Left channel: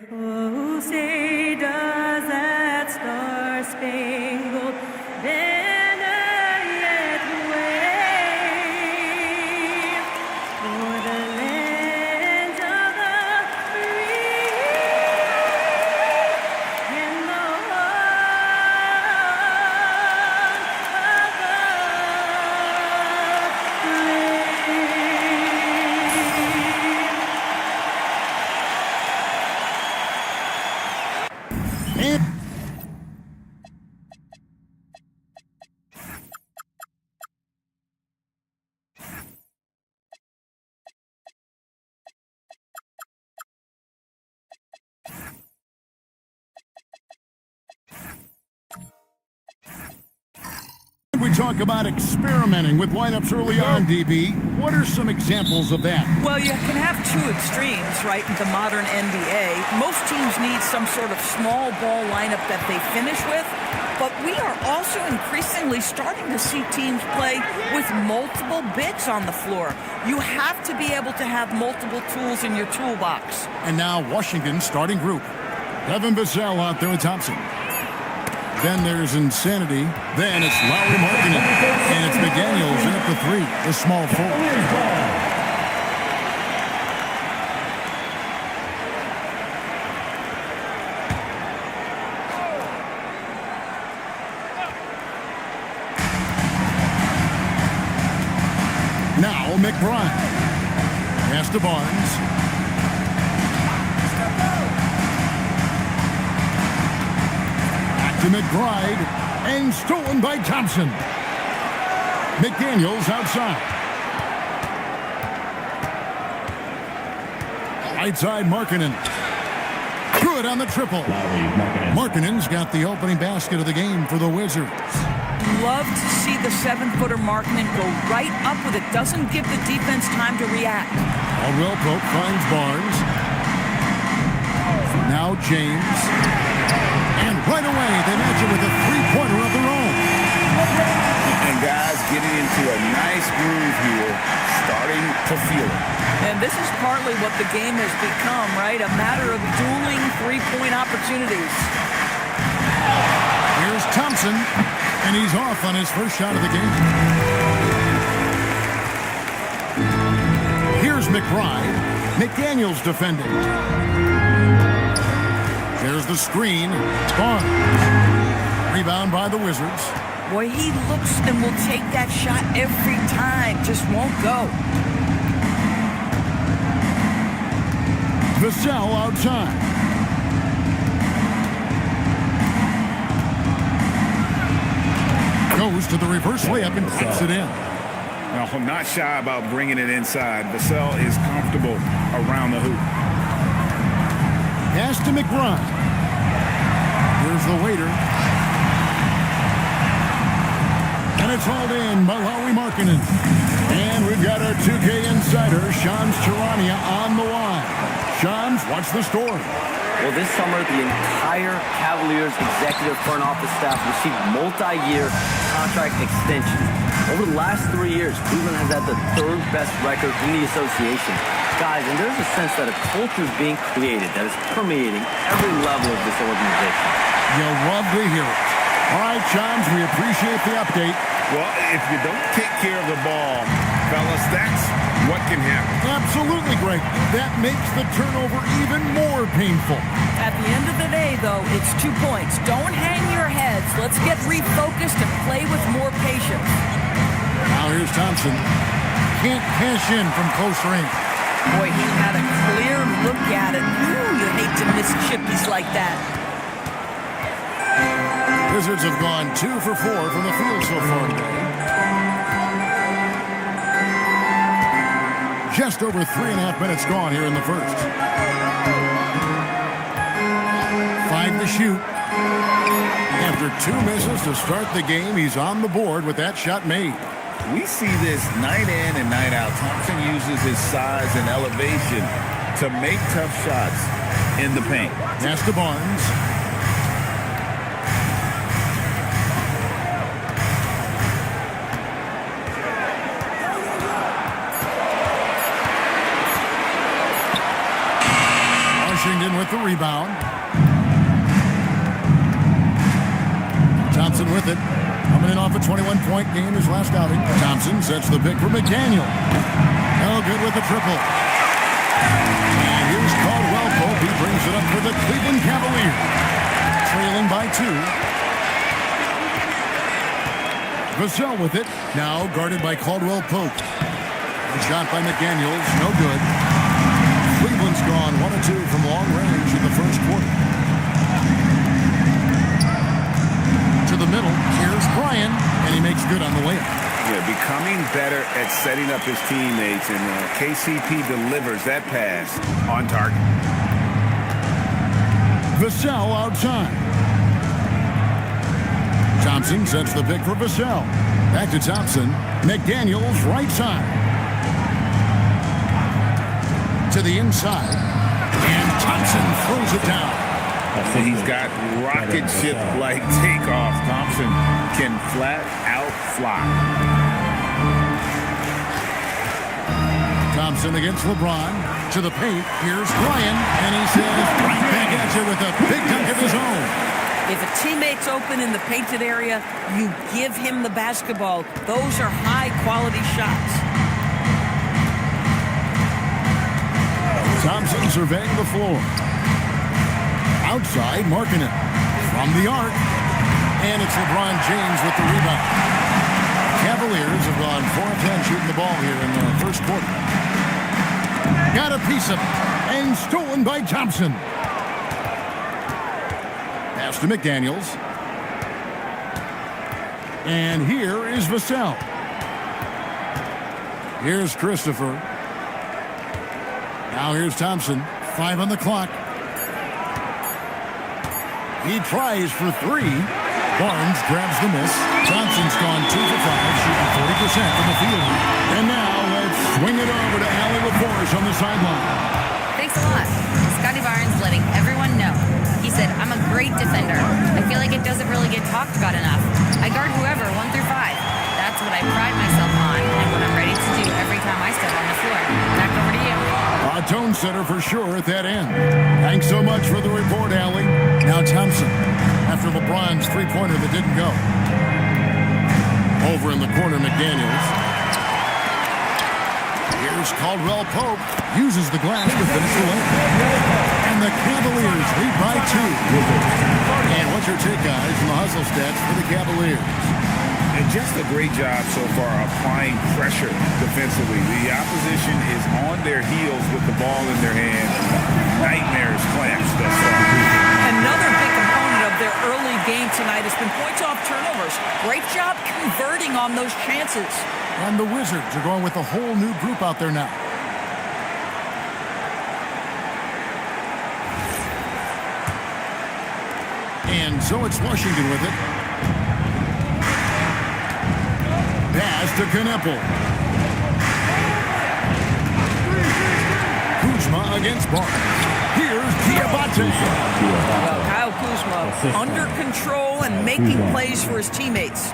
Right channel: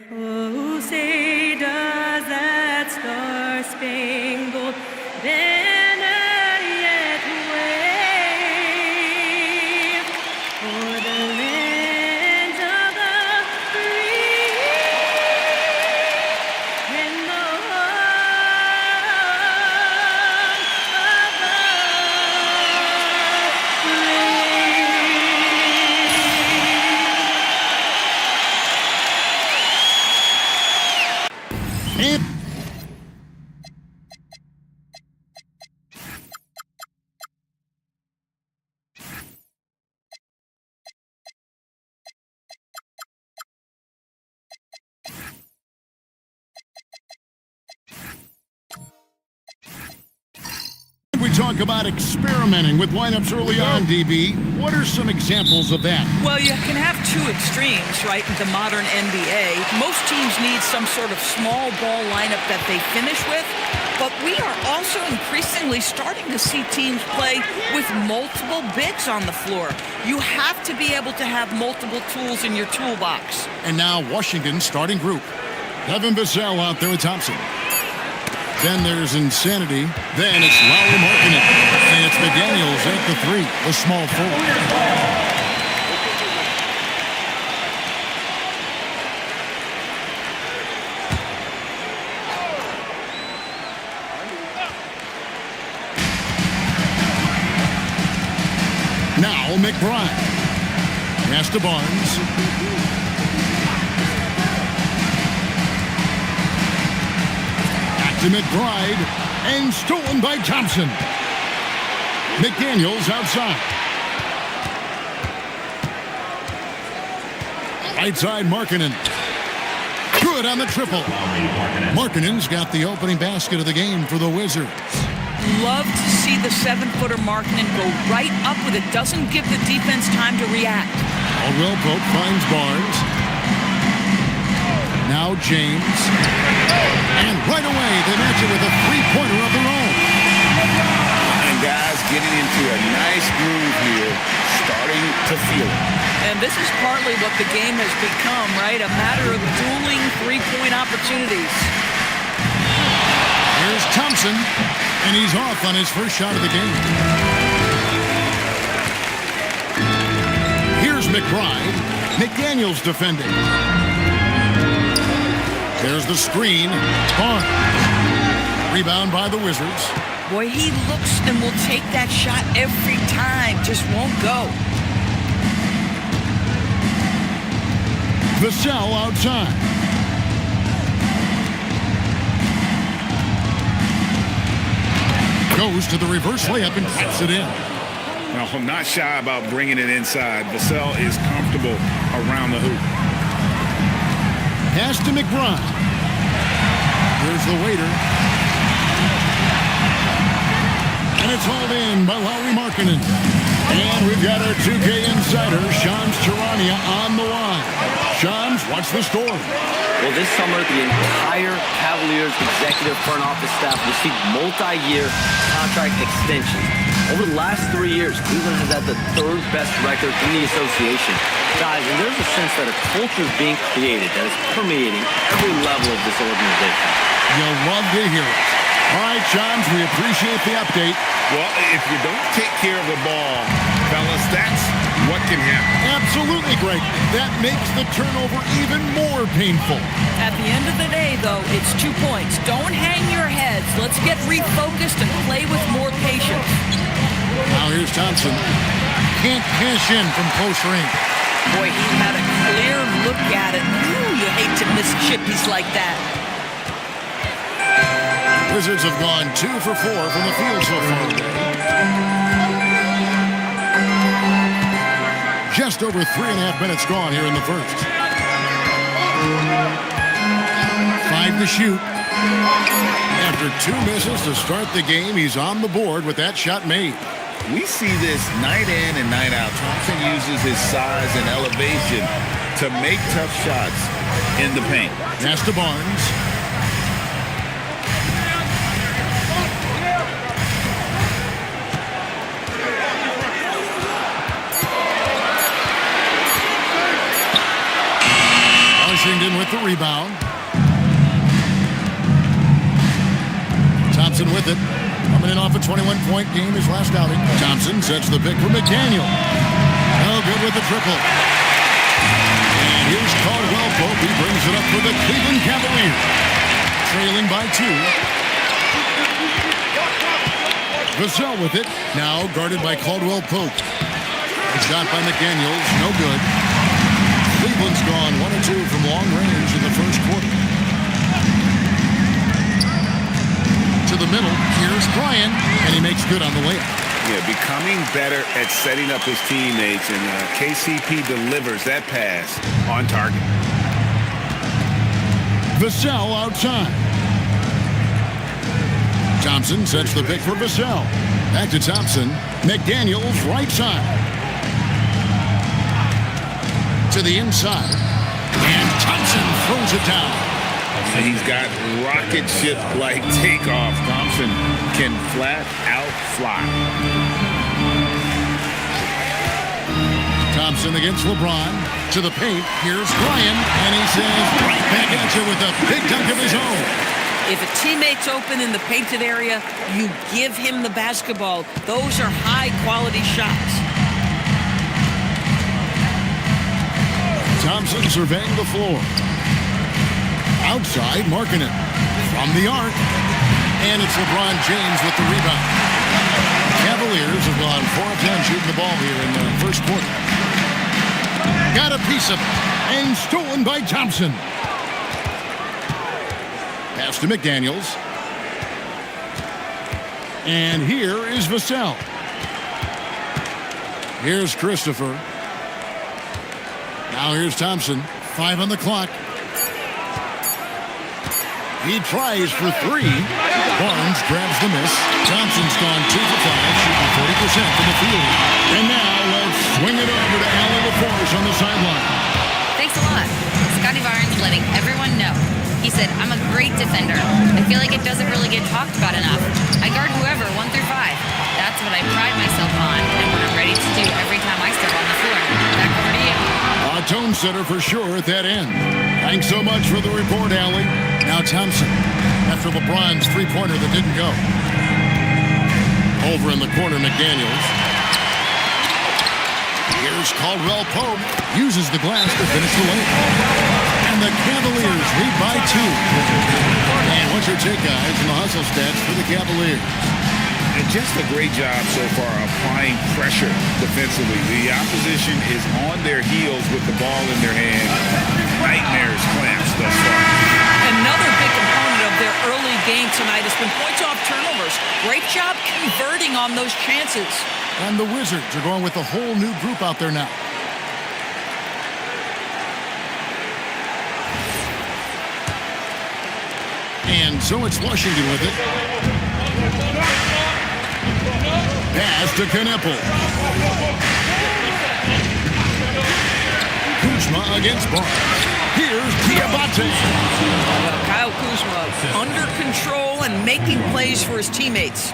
Oh, say does that star-spangled banner yet wave for the land of the free and the home of the brave. We talk about experimenting with lineups early on, DB. What are some examples of that? Well, you can have two extremes, right, in the modern NBA. Most teams need some sort of small ball lineup that they finish with, but we are also increasingly starting to see teams play with multiple bigs on the floor. You have to be able to have multiple tools in your toolbox. And now Washington's starting group. Devin Vassell out there with Thompson. Then there's Insanity. Then it's Lauri Markkanen. And it's McDaniels at the three, the small forward. Now McBride. Pass to Barnes. To McBride, and stolen by Thompson. McDaniels outside. Right side, Markkanen. Good on the triple. Markkanen's got the opening basket of the game for the Wizards. Love to see the 7-footer Markkanen go right up with it. Doesn't give the defense time to react. Caldwell Pope finds Barnes. Now James. And right away, they match it with a three-pointer of their own. And guys getting into a nice groove here, starting to feel it. And this is partly what the game has become, right? A matter of dueling three-point opportunities. Here's Thompson, and he's off on his first shot of the game. Here's McBride. McDaniels defending. There's the screen. Barnes. Rebound by the Wizards. Boy, he looks and will take that shot every time. Just won't go. Vassell outside. Goes to the reverse layup and puts it in. Well, not shy about bringing it inside. Vassell is comfortable around the hoop. Pass to McBride. Here's the waiter. And it's hauled in by Lauri Markkanen. And we've got our 2K insider, Shams Charania, on the line. Shams, what's the story? Well, this summer, the entire Cavaliers executive front office staff received multi-year contract extensions. Over the last 3 years, Cleveland has had the third best record in the association. Guys, and there's a sense that a culture is being created that is permeating every level of this organization. You'll love to hear it. All right, Shams, we appreciate the update. Well, if you don't take care of the ball, fellas, that's what can happen. Absolutely, Greg. That makes the turnover even more painful. At the end of the day, though, it's 2 points. Don't hang your heads. Let's get refocused and play with more patience. Now here's Thompson. Can't cash in from close range. Boy, he had a clear look at it. Ooh, you hate to miss chippies like that. Wizards have gone 2 for 4 from the field so far today. Just over 3.5 minutes gone here in the first. 5 to shoot. After 2 misses to start the game, he's on the board with that shot made. We see this night in and night out. Thompson uses his size and elevation to make tough shots in the paint. Pass to Barnes. Washington with the rebound. Thompson with it. Coming in off a 21-point game his last outing. Thompson sets the pick for McDaniel. No good with the triple. And here's Caldwell Pope. He brings it up for the Cleveland Cavaliers. Trailing by 2. Vassell with it. Now guarded by Caldwell Pope. A shot by McDaniels. No good. Cleveland's gone 1 of 2 from long range in the first quarter. To the middle. Here's Bryan. And he makes good on the layup. Yeah, becoming better at setting up his teammates, and KCP delivers that pass on target. Vassell outside. Thompson sets the pick for Vassell. Back to Thompson. McDaniels right side. To the inside. And Thompson throws it down. He's got rocket ship-like takeoff. Thompson can flat out fly. Thompson against LeBron. To the paint. Here's Bryan. And he says right back at you with a big dunk of his own. If a teammate's open in the painted area, you give him the basketball. Those are high-quality shots. Thompson surveying the floor. Outside, marking it. From the arc. And it's LeBron James with the rebound. Cavaliers have gone 4 of 10 shooting the ball here in the first quarter. Got a piece of it. And stolen by Thompson. Pass to McDaniels. And here is Vassell. Here's Christopher. Now here's Thompson. 5 on the clock. He tries for 3. Barnes grabs the miss. Thompson's gone 2 for 5, shooting 40% from the field. And now let's swing it over to Allie LaForce on the sideline. Thanks a lot. Scotty Barnes letting everyone know. He said, I'm a great defender. I feel like it doesn't really get talked about enough. I guard whoever, 1 through 5. That's what I pride myself on and what I'm ready to do every time I step on the floor. Back over to you. A tone setter for sure at that end. Thanks so much for the report, Allie. Now Thompson, after LeBron's three-pointer that didn't go. Over in the corner, McDaniels. Here's Caldwell Pope. Uses the glass to finish the lane. And the Cavaliers lead by 2. And what's your take, guys, on the hustle stats for the Cavaliers? And just a great job so far applying pressure defensively. The opposition is on their heels with the ball in their hand. Nightmares clamps thus far. Another big component of their early game tonight has been points off turnovers. Great job converting on those chances. And the Wizards are going with a whole new group out there now. And so it's Washington with it. Pass to Kneppel. Kuzma against Barnes. Here's Diabate. Well, Kyle Kuzma under control and making plays for his teammates.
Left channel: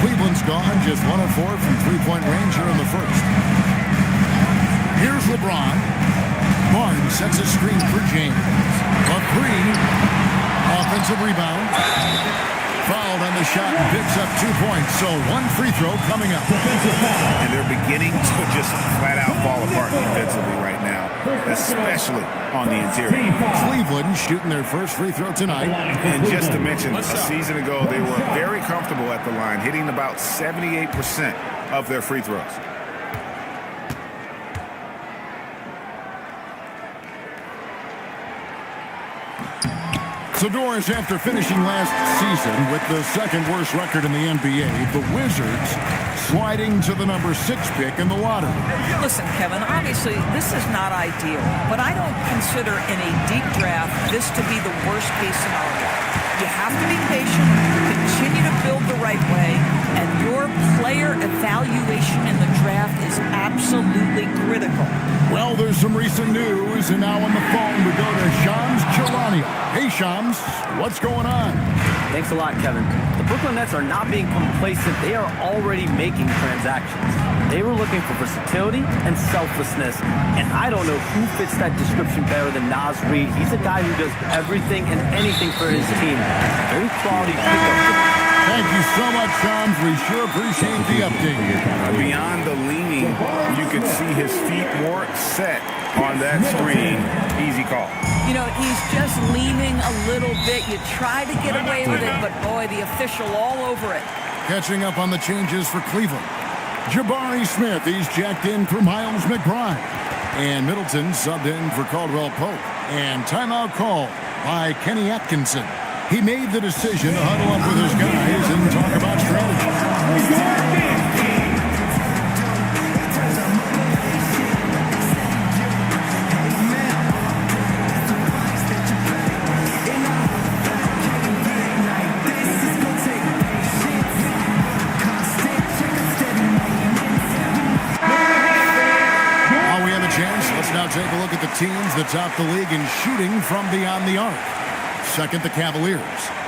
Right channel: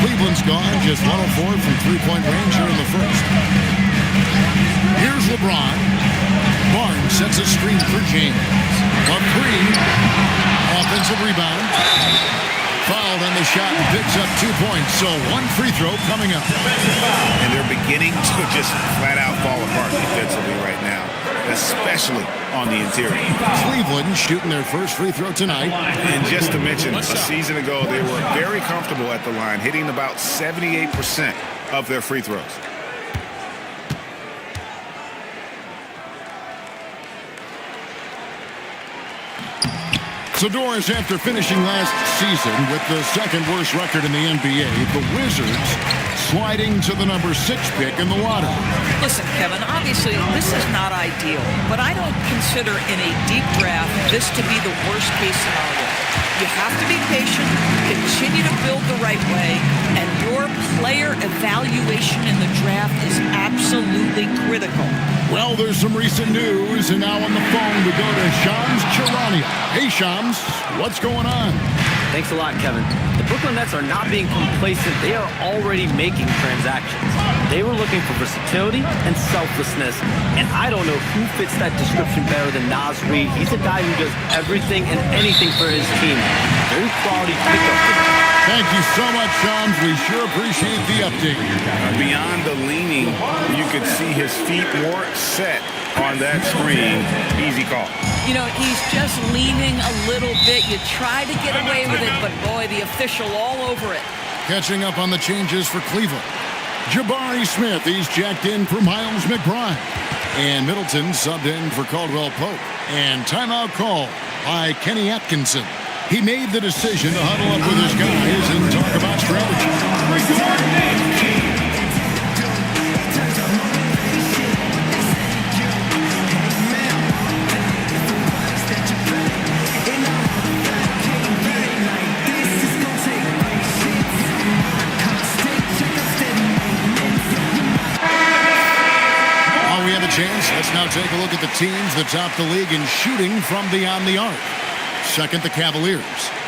Cleveland's gone just 1 of 4 from three-point range here in the first. Here's LeBron. Barnes sets a screen for James. A 3. Offensive rebound. Fouled on the shot and picks up 2 points. So 1 free throw coming up. And they're beginning to just flat out fall apart defensively right now, especially on the interior. Cleveland shooting their first free throw tonight. And just to mention, a season ago, they were very comfortable at the line, hitting about 78% of their free throws. So, Doris, after finishing last season with the second worst record in the NBA, the Wizards sliding to the number 6 pick in the lottery. Listen, Kevin, obviously this is not ideal, but I don't consider in a deep draft this to be the worst case scenario. You have to be patient, continue to build the right way, and your player evaluation in the draft is absolutely critical. Well, there's some recent news, and now on the phone we go to Shams Charania. Hey, Shams, what's going on? Thanks a lot, Kevin. The Brooklyn Nets are not being complacent. They are already making transactions. They were looking for versatility and selflessness, and I don't know who fits that description better than Naz Reid. He's a guy who does everything and anything for his team. Very quality pickup today. Thank you so much, Shams. We sure appreciate the update. Beyond the leaning, you could see his feet more set on that screen. Easy call. You know, he's just leaning a little bit. You try to get away with it, but boy, the official all over it. Catching up on the changes for Cleveland. Jabari Smith, he's jacked in for Miles McBride. And Middleton subbed in for Caldwell Pope. And timeout call by Kenny Atkinson. He made the decision to huddle up with his guys and talk about strategy. While we have a chance, let's now take a look at the teams that top the league in shooting from beyond the arc. Second, the Cavaliers.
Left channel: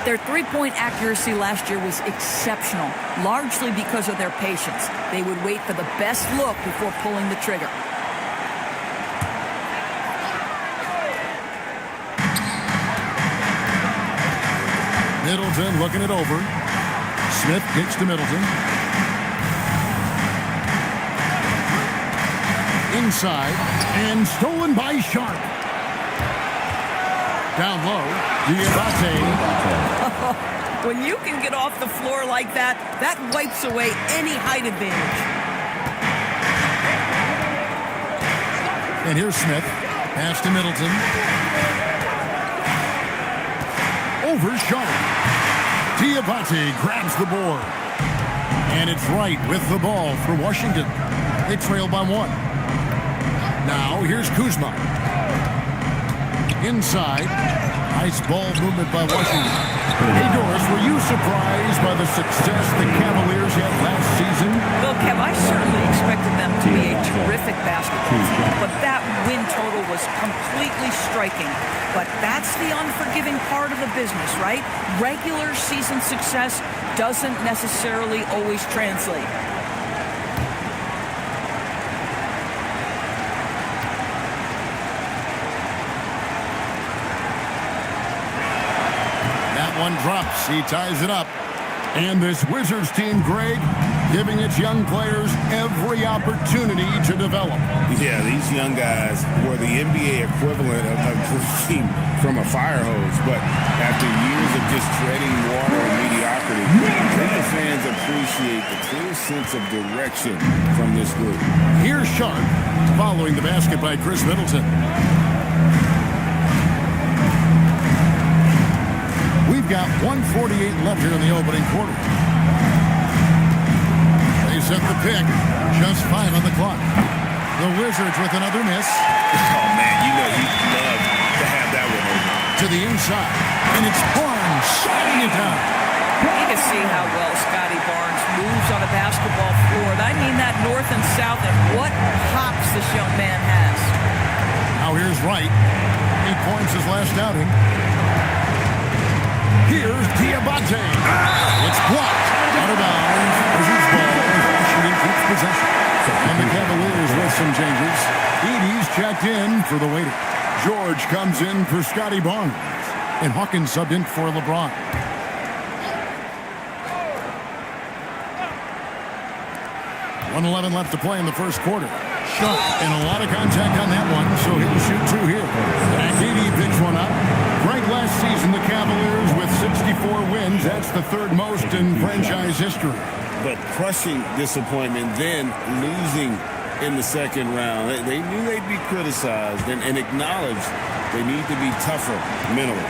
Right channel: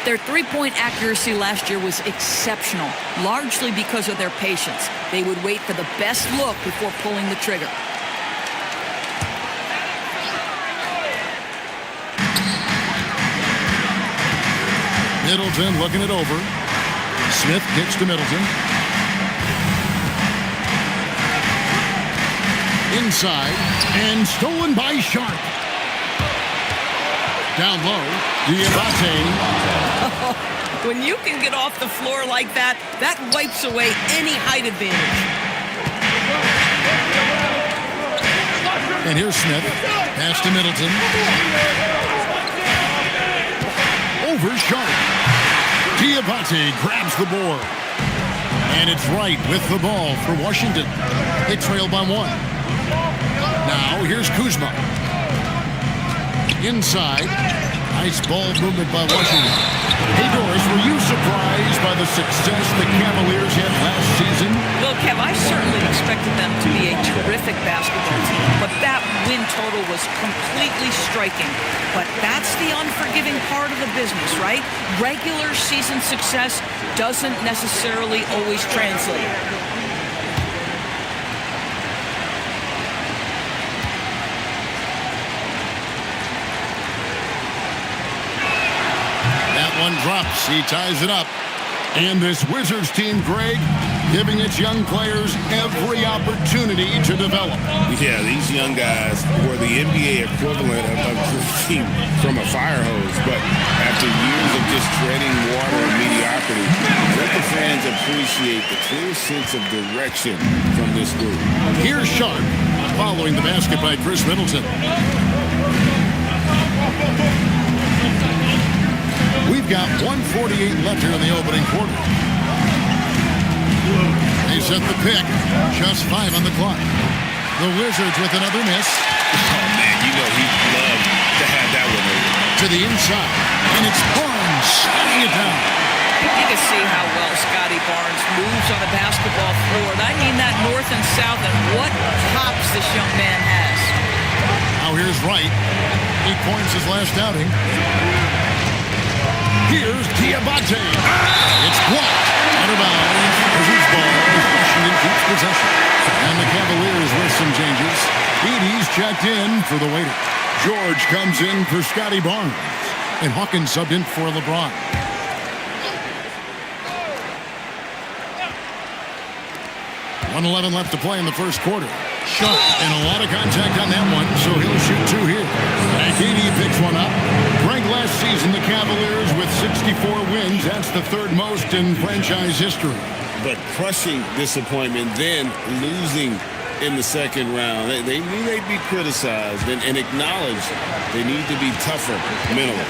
Their three-point accuracy last year was exceptional, largely because of their patience. They would wait for the best look before pulling the trigger. Middleton looking it over. Smith kicks to Middleton. Inside, and stolen by Sharp. Down low, Diabate. When you can get off the floor like that, that wipes away any height advantage. And here's Smith. Pass to Middleton. Over Sharp. Diabate grabs the board. And it's Wright with the ball for Washington. They trail by one. Now here's Kuzma. Inside. Nice ball movement by Washington. Hey, Doris, were you surprised by the success the Cavaliers had last season? Well, Kev, I certainly expected them to be a terrific basketball team, but that win total was completely striking. But that's the unforgiving part of the business, right? Regular season success doesn't necessarily always translate. That one drops. He ties it up. And this Wizards team, Greg, giving its young players every opportunity to develop. Yeah, these young guys were the NBA equivalent of drinking from a fire hose. But after years of just treading water and mediocrity, I think the fans appreciate the clear sense of direction from this group. Here's Sharp following the basket by Chris Middleton. We've got 1:48 left here in the opening quarter. They set the pick. Just 5 on the clock. The Wizards with another miss. Oh, man, you know he'd love to have that one over. To the inside. And it's Barnes shutting it down. You can see how well Scotty Barnes moves on a basketball floor. And I mean that north and south, and what hops this young man has. Now here's Wright. 8 points his last outing. Here's Diabate. It's blocked. Out of bounds. Wizards ball as Washington keeps possession. And the Cavaliers with some changes. Edey's checked in for the waiter. George comes in for Scotty Barnes. And Hawkins subbed in for LeBron. .111 left to play in the first quarter. Shot and a lot of contact on that one, so he'll shoot 2 here. Back 80 picks one up. Greg, last season the Cavaliers with 64 wins. That's the 3rd most in franchise history. But crushing disappointment, then losing in the second round. They knew they'd be criticized and acknowledged they need to be tougher mentally.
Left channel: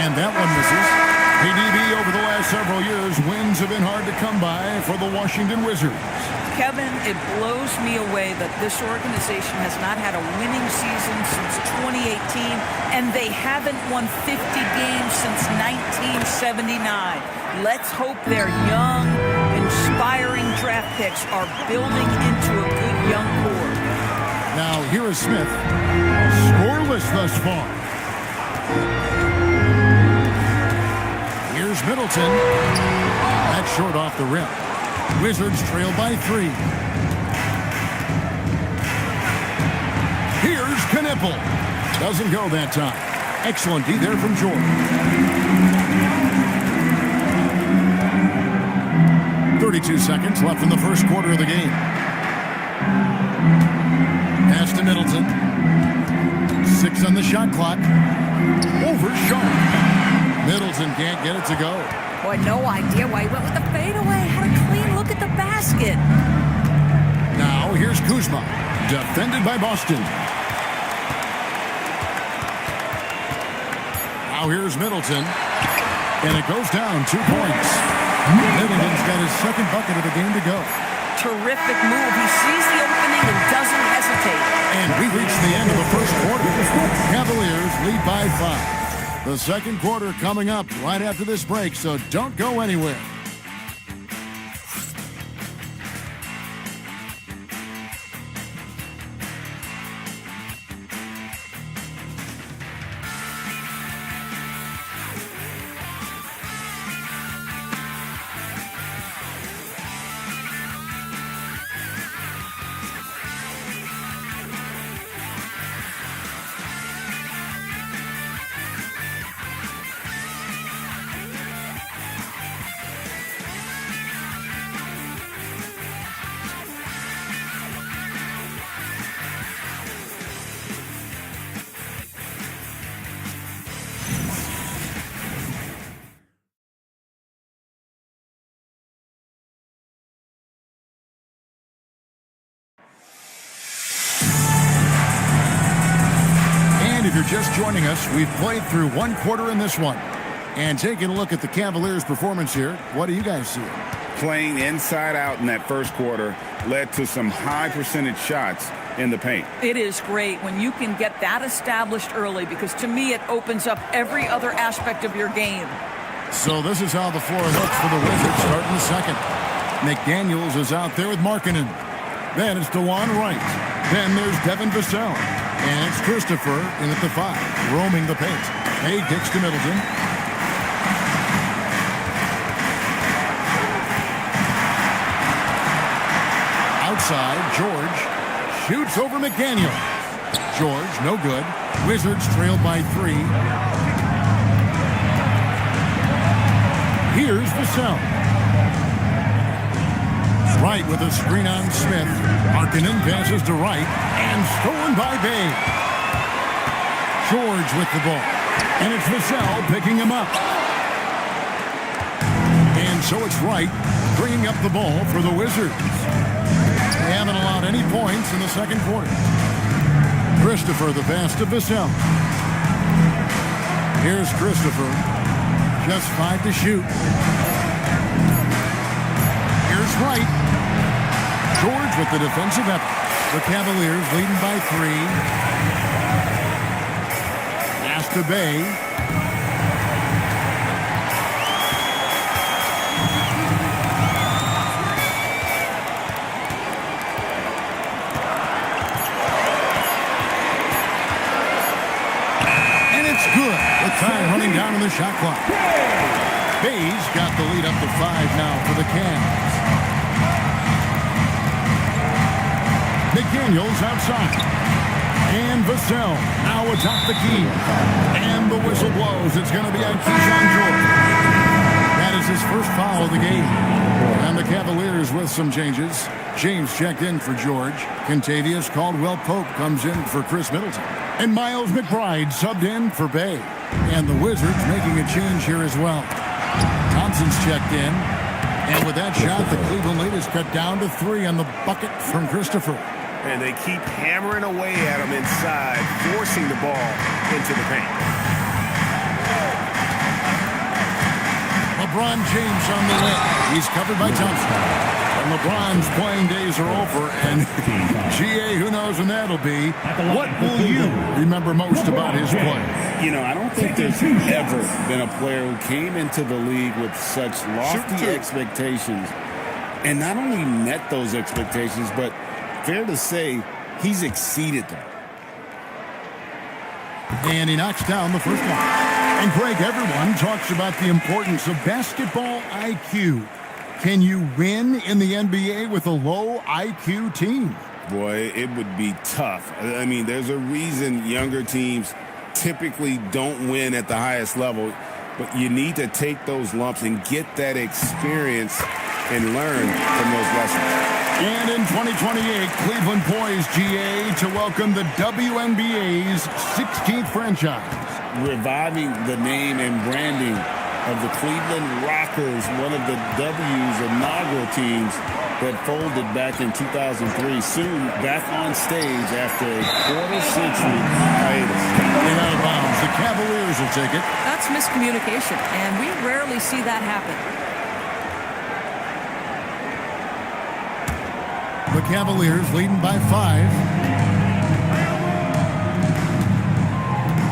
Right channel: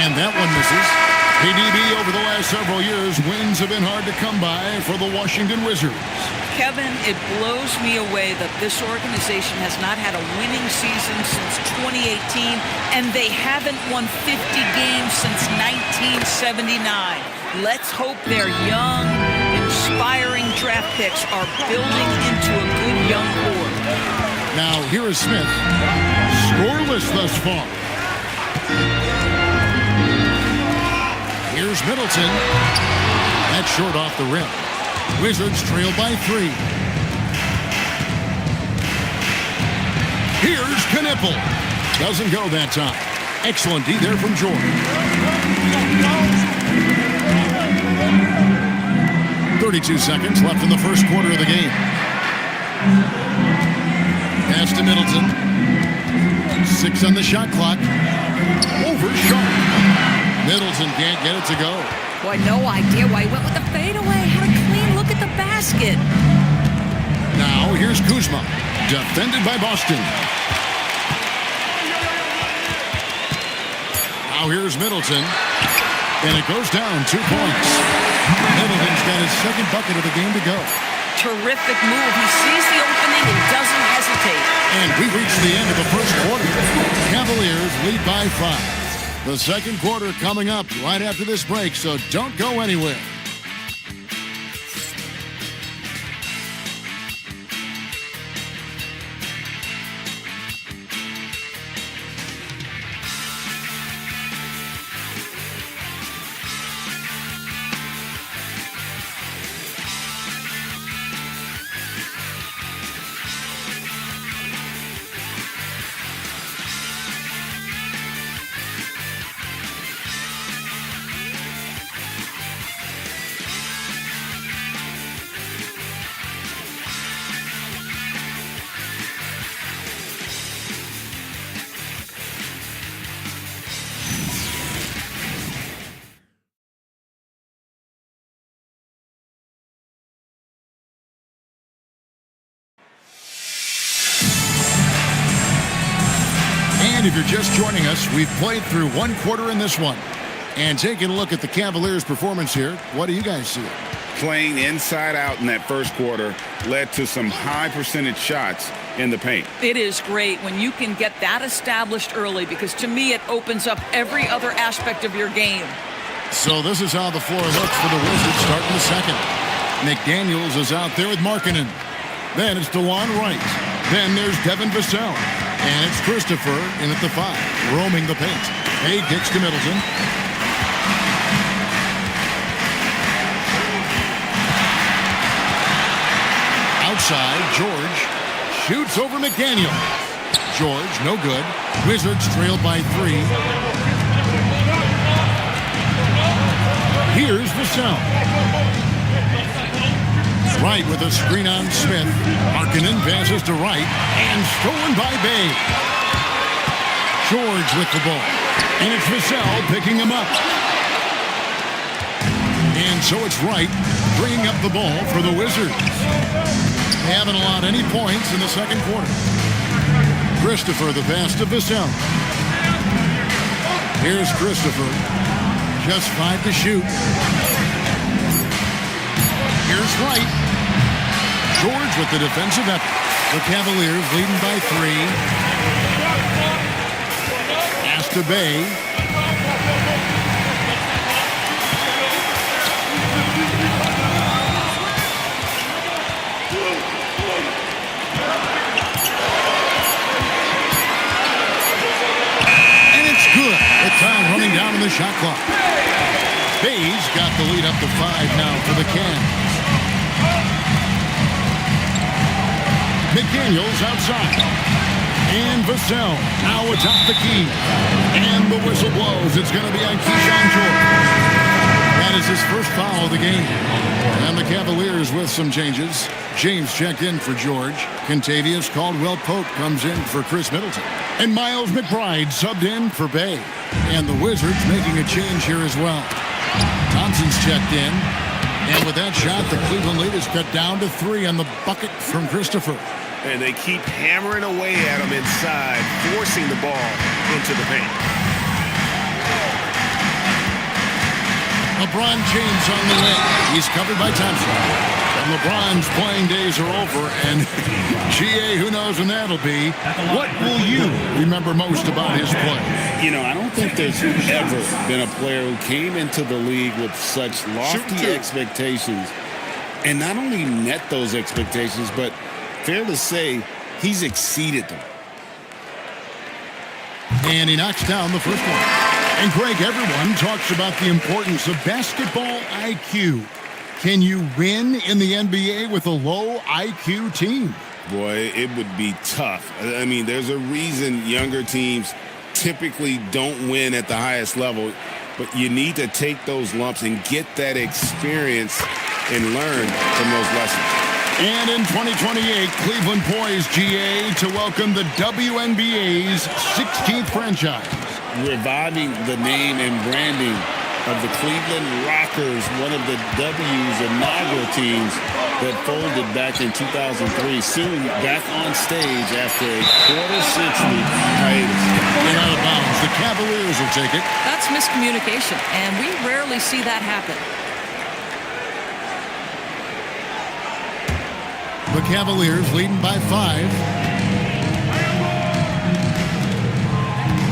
And that one misses. KDB over the last several years, wins have been hard to come by for the Washington Wizards. Kevin, it blows me away that this organization has not had a winning season since 2018, and they haven't won 50 games since 1979. Let's hope their young, inspiring draft picks are building into a good young core. Now, here is Smith. Scoreless thus far. Here's Middleton. That's short off the rim. Wizards trail by 3. Here's Knipple. Doesn't go that time. Excellent D there from George. 32 seconds left in the first quarter of the game. Pass to Middleton. 6 on the shot clock. Over Sharp. Middleton can't get it to go. Boy, no idea why he went with the fadeaway. Had a clean look at the basket. Now here's Kuzma. Defended by Boston. Now here's Middleton. And it goes down 2 points. Middleton's got his second bucket of the game to go. Terrific move. He sees the opening and doesn't hesitate. And we reach the end of the first quarter. Cavaliers lead by 5. The second quarter coming up right after this break, so don't go anywhere. And if you're just joining us, we've played through one quarter in this one. And taking a look at the Cavaliers' performance here, what do you guys see? Playing inside out in that first quarter led to some high percentage shots in the paint. It is great when you can get that established early because to me it opens up every other aspect of your game. So this is how the floor looks for the Wizards starting the second. McDaniels is out there with Markkanen. Then it's DeJuan Wright. Then there's Devin Vassell. And it's Christopher in at the 5, roaming the paint. He kicks to Middleton. Outside, George shoots over McDaniel. George, no good. Wizards trailed by 3. Here's Vassell. Wright with a screen on Smith. Markkanen passes to Wright and stolen by Bay. George with the ball. And it's Vassell picking him up. And so it's Wright bringing up the ball for the Wizards. They haven't allowed any points in the second quarter. Christopher the pass to Vassell. Here's Christopher. Just 5 to shoot. Here's Wright. George with the defensive effort. The Cavaliers leading by 3. Pass to Bay. And it's good. With time running down on the shot clock. Bay's got the lead up to 5 now for the Cavs. McDaniels outside. And Vassell now atop the key. And the whistle blows. It's going to be on Keyshawn George. That is his first foul of the game. And the Cavaliers with some changes. James checked in for George. Kentavious Caldwell-Pope comes in for Chris Middleton. And Miles McBride subbed in for Bay. And the Wizards making a change here as well. Thompson's checked in. And with that shot, the Cleveland lead is cut down to 3 on the bucket from Christopher. And they keep hammering away at him inside, forcing the ball into the paint. LeBron James on the wing. He's covered by Thompson. And LeBron's playing days are over, and GA, who knows when that'll be. What will you remember most about his play? You know, I don't think there's ever been a player who came into the league with such lofty expectations and not only met those expectations, but fair to say, he's exceeded them. And he knocks down the first one. And Greg, everyone talks about the importance of basketball IQ. Can you win in the NBA with a low IQ team? Boy, it would be tough. I mean, there's a reason younger teams typically don't win at the highest level, but you need to take those lumps and get that experience and learn from those lessons. And in 2028, Cleveland poised, GA, to welcome the WNBA's 16th franchise. Reviving the name and branding of the Cleveland Rockers, one of the W's inaugural teams that folded back in 2003, soon back on stage after a quarter-century hiatus. And out of bounds, the Cavaliers will take it. That's miscommunication, and we rarely see that happen. The Cavaliers leading by 5.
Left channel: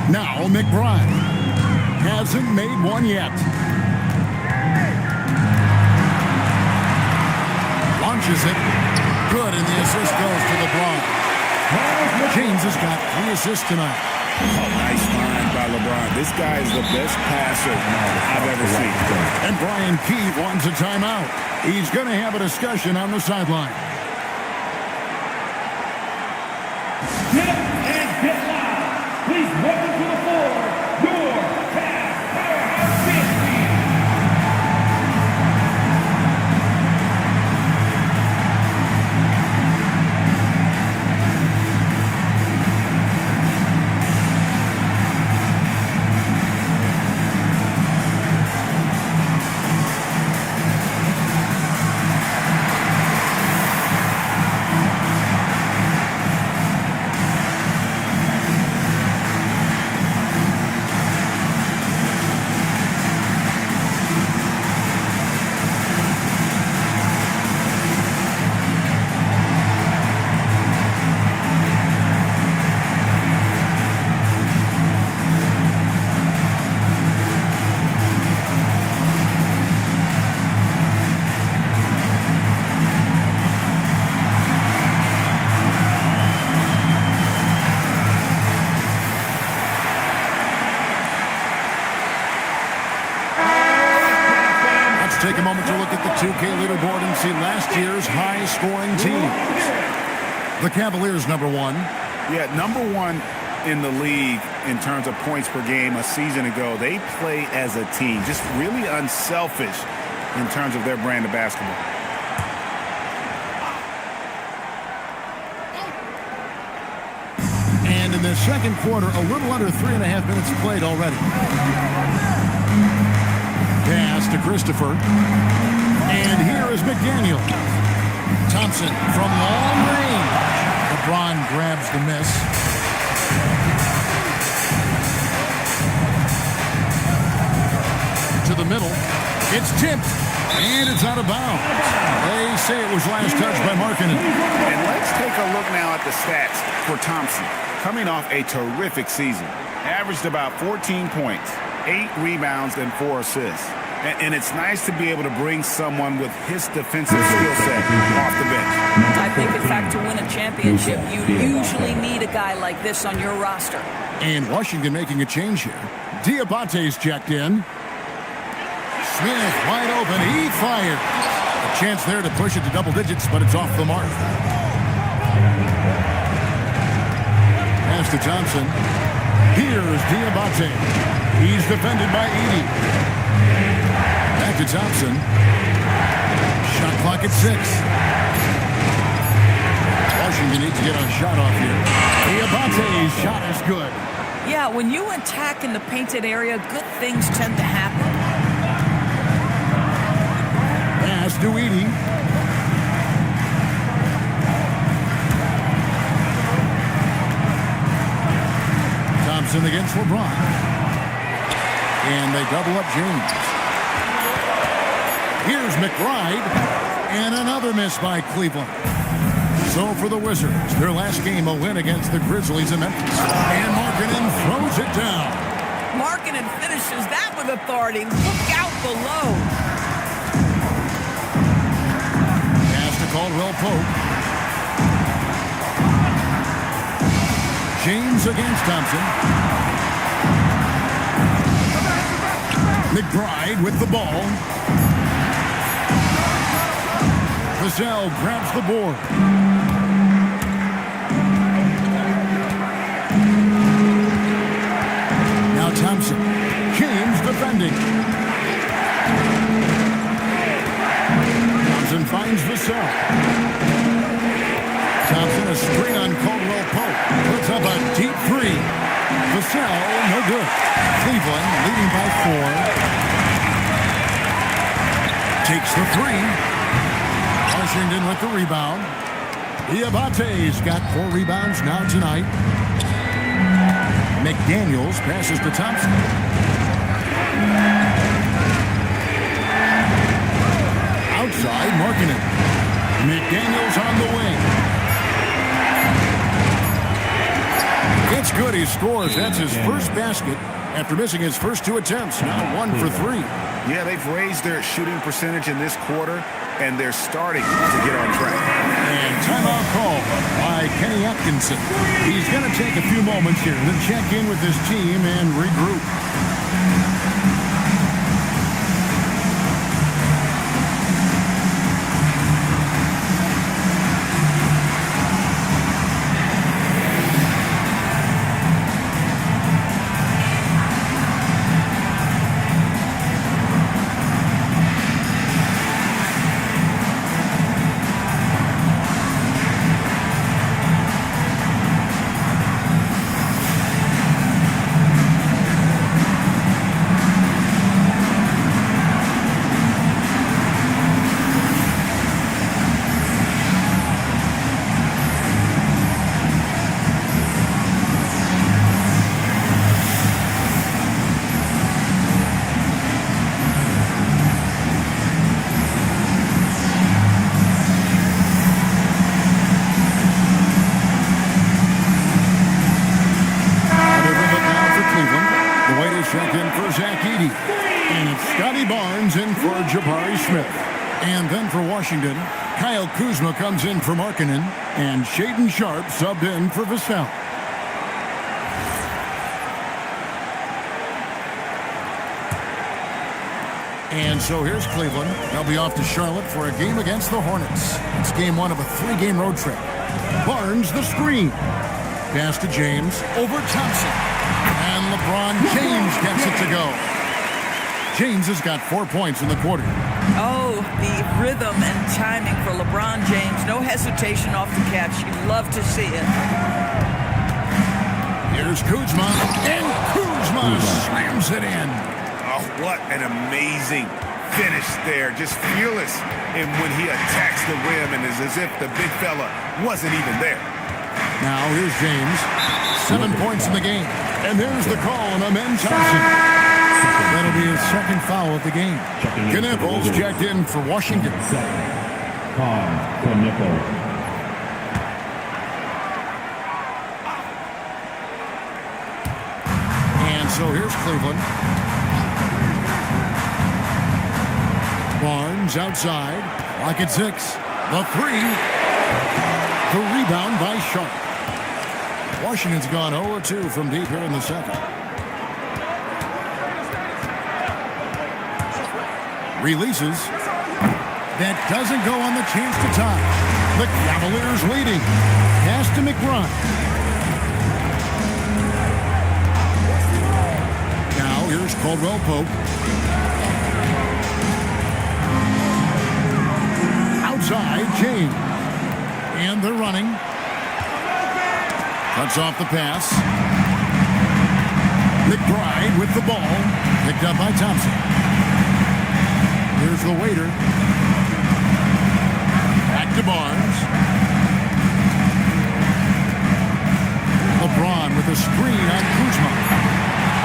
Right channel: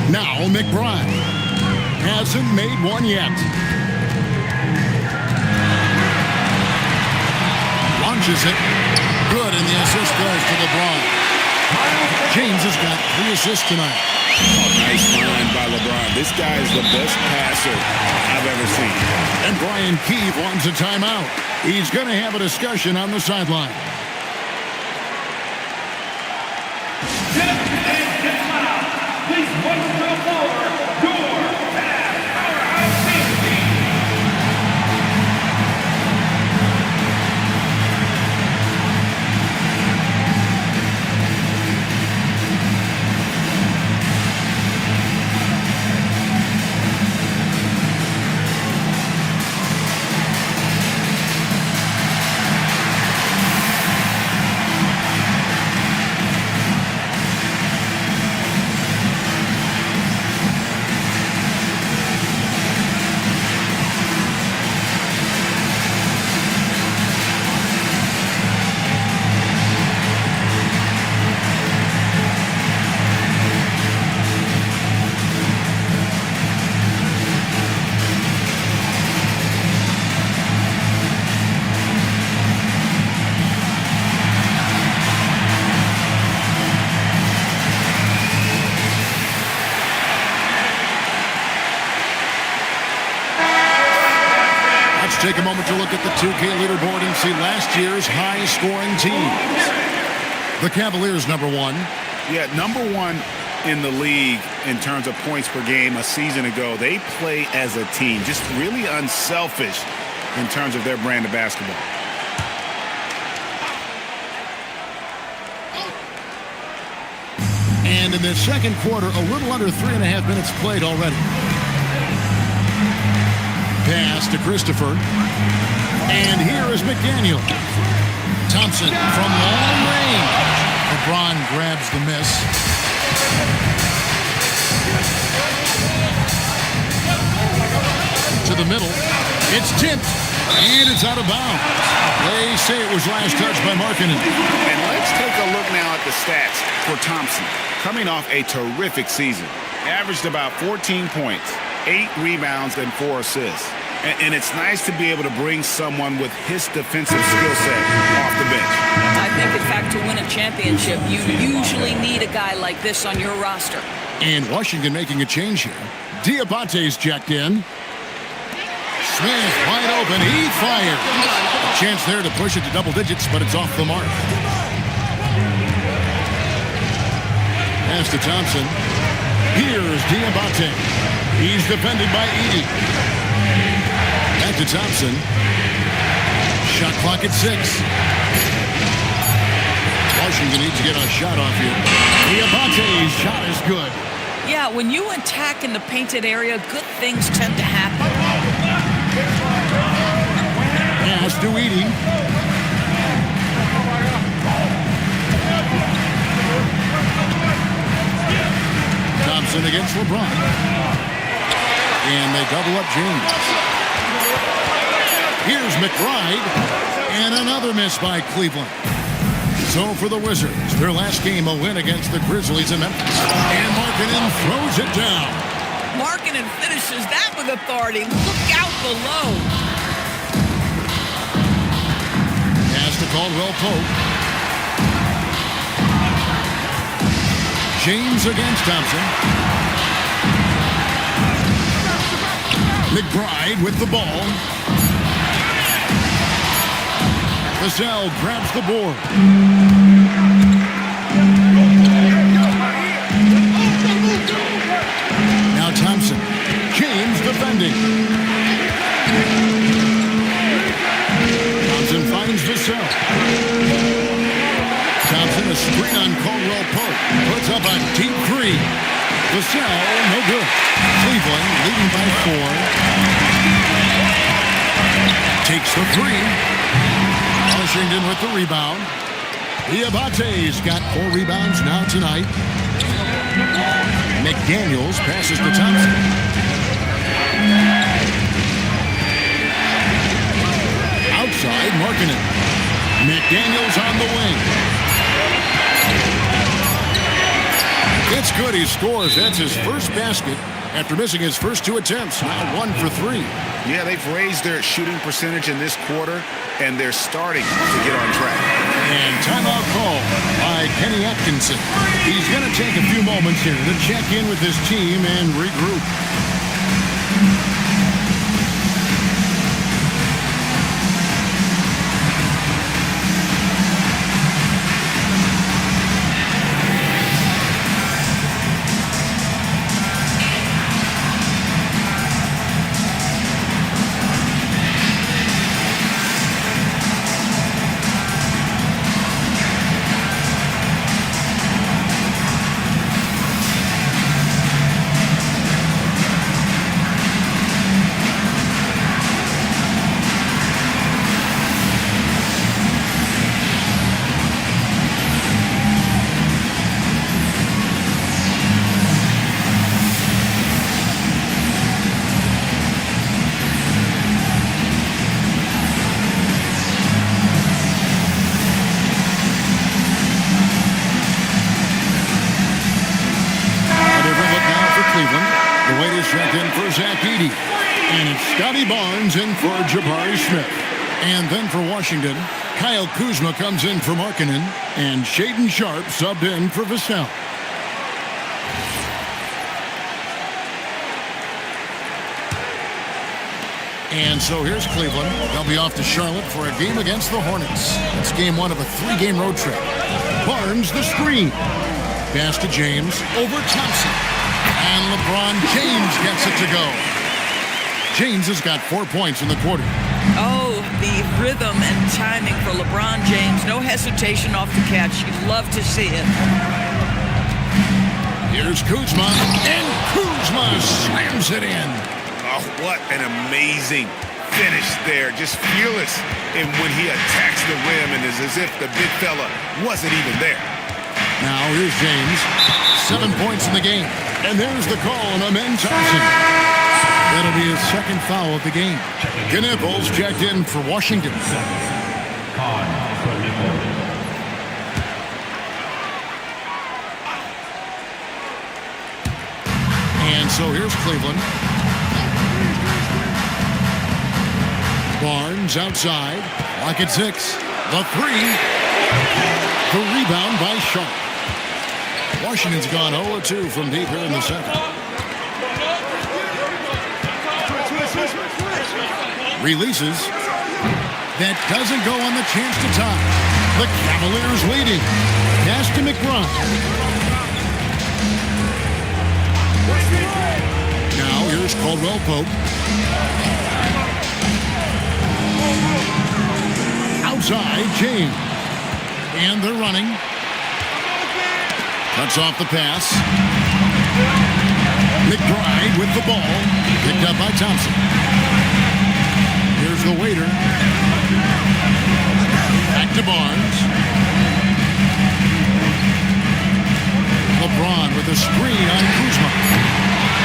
Now McBride hasn't made one yet. Launches it. Good, and the assist goes to LeBron. James has got 3 assists tonight. Oh, nice find by LeBron. This guy is the best passer I've ever seen. And Brian Keefe wants a timeout. He's going to have a discussion on the sideline. Get up and get loud. Please welcome to the floor your Cavs powerhouse team. Take a moment to look at the 2K leaderboard and see last year's high-scoring teams. The Cavaliers, number 1. Yeah, number 1 in the league in terms of points per game a season ago. They play as a team, just really unselfish in terms of their brand of basketball. And in the second quarter, a little under 3.5 minutes played already. Pass to Christopher. And here is McDaniel. Thompson from long range. LeBron grabs the miss. To the middle. It's tipped. And it's out of bounds. They say it was last touched by Markkanen. And let's take a look now at the stats for Thompson. Coming off a terrific season. Averaged about 14 points. 8 rebounds and 4 assists. And it's nice to be able to bring someone with his defensive skill set off the bench. I think, in fact, to win a championship, you usually need a guy like this on your roster. And Washington making a change here. Diabate's checked in. Smith wide open. He fired. A chance there to push it to double digits, but it's off the mark. Pass to Thompson. Here's Diabate. He's defended by Edey. Back to Thompson. Shot clock at 6. Washington needs to get a shot off here. Diabate's shot is good. Yeah, when you attack in the painted area, good things tend to happen. Pass to Edey. Thompson against LeBron. And they double up James. Here's McBride. And another miss by Cleveland. So for the Wizards, their last game a win against the Grizzlies in Memphis. And Markkanen throws it down. Markkanen finishes that with authority. Look out below. Pass to Caldwell Pope. James against Thompson. McBride with the ball. Vassell grabs the board. Now Thompson. James defending. Thompson finds Vassell. Thompson, a screen on Caldwell Pope. Puts up a deep three. Vassell, no good. Cleveland leading by 4. Takes the three. Washington with the rebound. Diabate's got 4 rebounds now tonight. McDaniels passes to Thompson. Outside, Markkanen. McDaniels on the wing. It's good. He scores. That's his first basket after missing his first 2 attempts. Now 1 for 3. Yeah, they've raised their shooting percentage in this quarter, and they're starting to get on track. And timeout call by Kenny Atkinson. He's going to take a few moments here to check in with his team and regroup. Check in for Zach Edey. And it's Scotty Barnes in for Jabari Smith. And then for Washington, Kyle Kuzma comes in for Markkanen. And Shaedon Sharpe subbed in for Vassell. And so here's Cleveland. They'll be off to Charlotte for a game against the Hornets. It's game 1 of a 3-game road trip. Barnes the screen. Pass to James over Thompson. And LeBron James gets it to go. James has got 4 points in the quarter. Oh, the rhythm and timing for LeBron James. No hesitation off the catch. You'd love to see it. Here's Kuzma. And Kuzma slams it in. Oh, what an amazing finish there. Just fearless when he attacks the rim, and it's as if the big fella wasn't even there. Now here's James. 7 points in the game. And there's the call on Amen Thompson. That'll be his second foul of the game. Knipples checked in for Washington. And so here's Cleveland. Barnes outside. Lock at 6. The 3. The rebound by Sharpe. Washington's gone 0-2 from deep here in the second. Releases. That doesn't go on the chance to tie. The Cavaliers leading. Pass to McBride. Now here's Caldwell Pope. Outside, James. And they're running. Cuts off the pass. McBride with the ball. Picked up by Thompson. Here's the waiter. Back to Barnes. LeBron with a screen on Kuzma.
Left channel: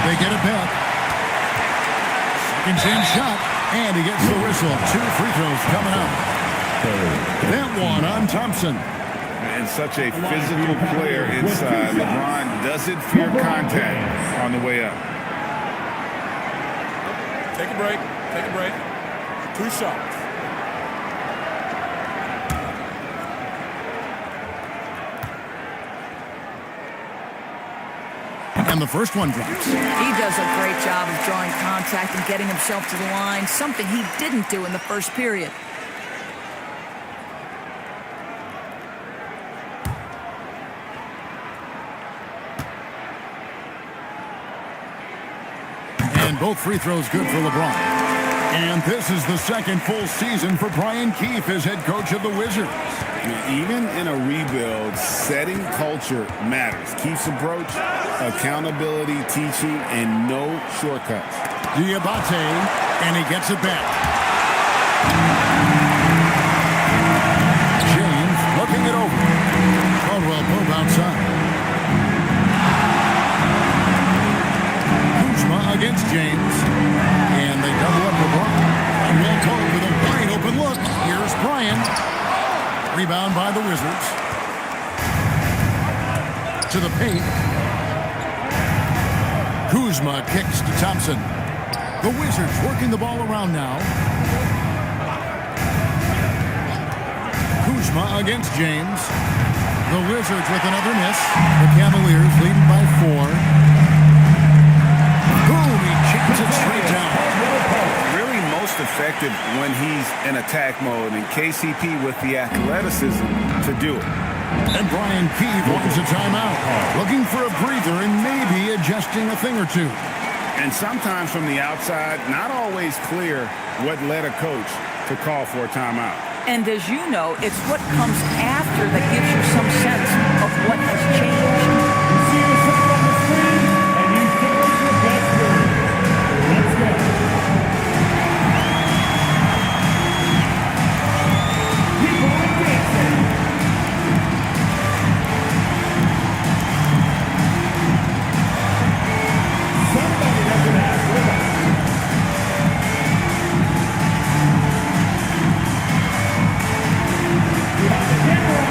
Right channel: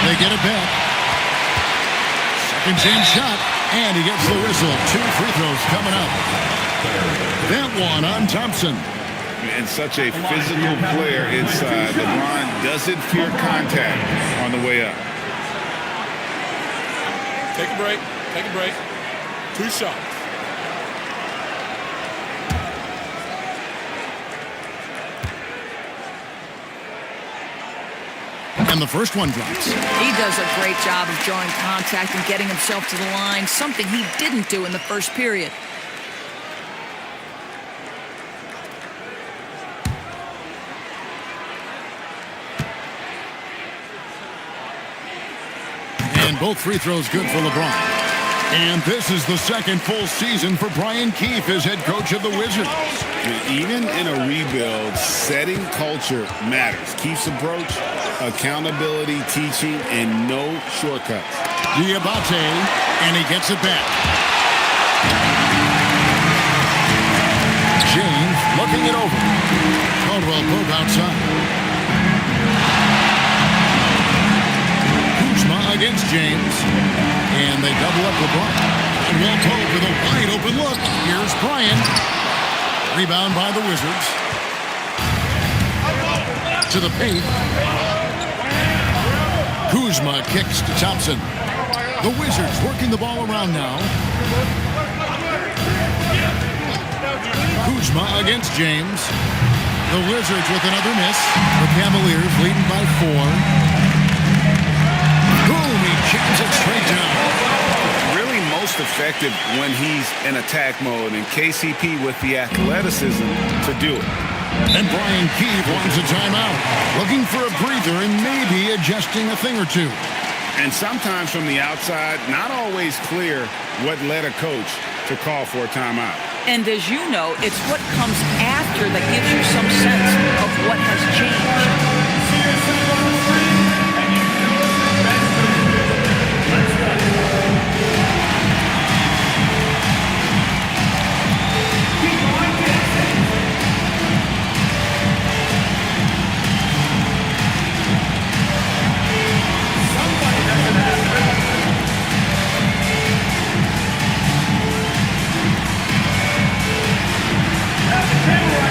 They get it back. Second chance shot. And he gets the whistle. 2 free throws coming up. That one on Thompson. And such a physical player inside. LeBron doesn't fear contact on the way up. Take a break. Take a break. 2 shots. And the first one drops. He does a great job of drawing contact and getting himself to the line, something he didn't do in the first period. And both free throws good for LeBron. And this is the second full season for Brian Keefe as head coach of the Wizards. Even in a rebuild, setting culture matters. Keefe's approach, accountability, teaching, and no shortcuts. Diabate, and he gets it back. James looking it over. Caldwell Pope outside. Kuzma against James. And they double up LeBron. Caldwell Pope with a wide open look. Here's Bryant. Rebound by the Wizards. To the paint. Kuzma kicks to Thompson. The Wizards working the ball around now. Kuzma against James. The Wizards with another miss. The Cavaliers leading by 4. Boom, he jams it straight down. Really most effective when he's in attack mode, and KCP with the athleticism to do it. And Brian Keefe wants a timeout. Looking for a breather and maybe adjusting a thing or two. And sometimes from the outside, not always clear what led a coach to call for a timeout. And as you know, it's what comes after that gives you some sense of what has changed. See yourself on the screen, and you chose the best move. Let's go. Keep on dancing. Somebody has to have rhythm. You have to get right.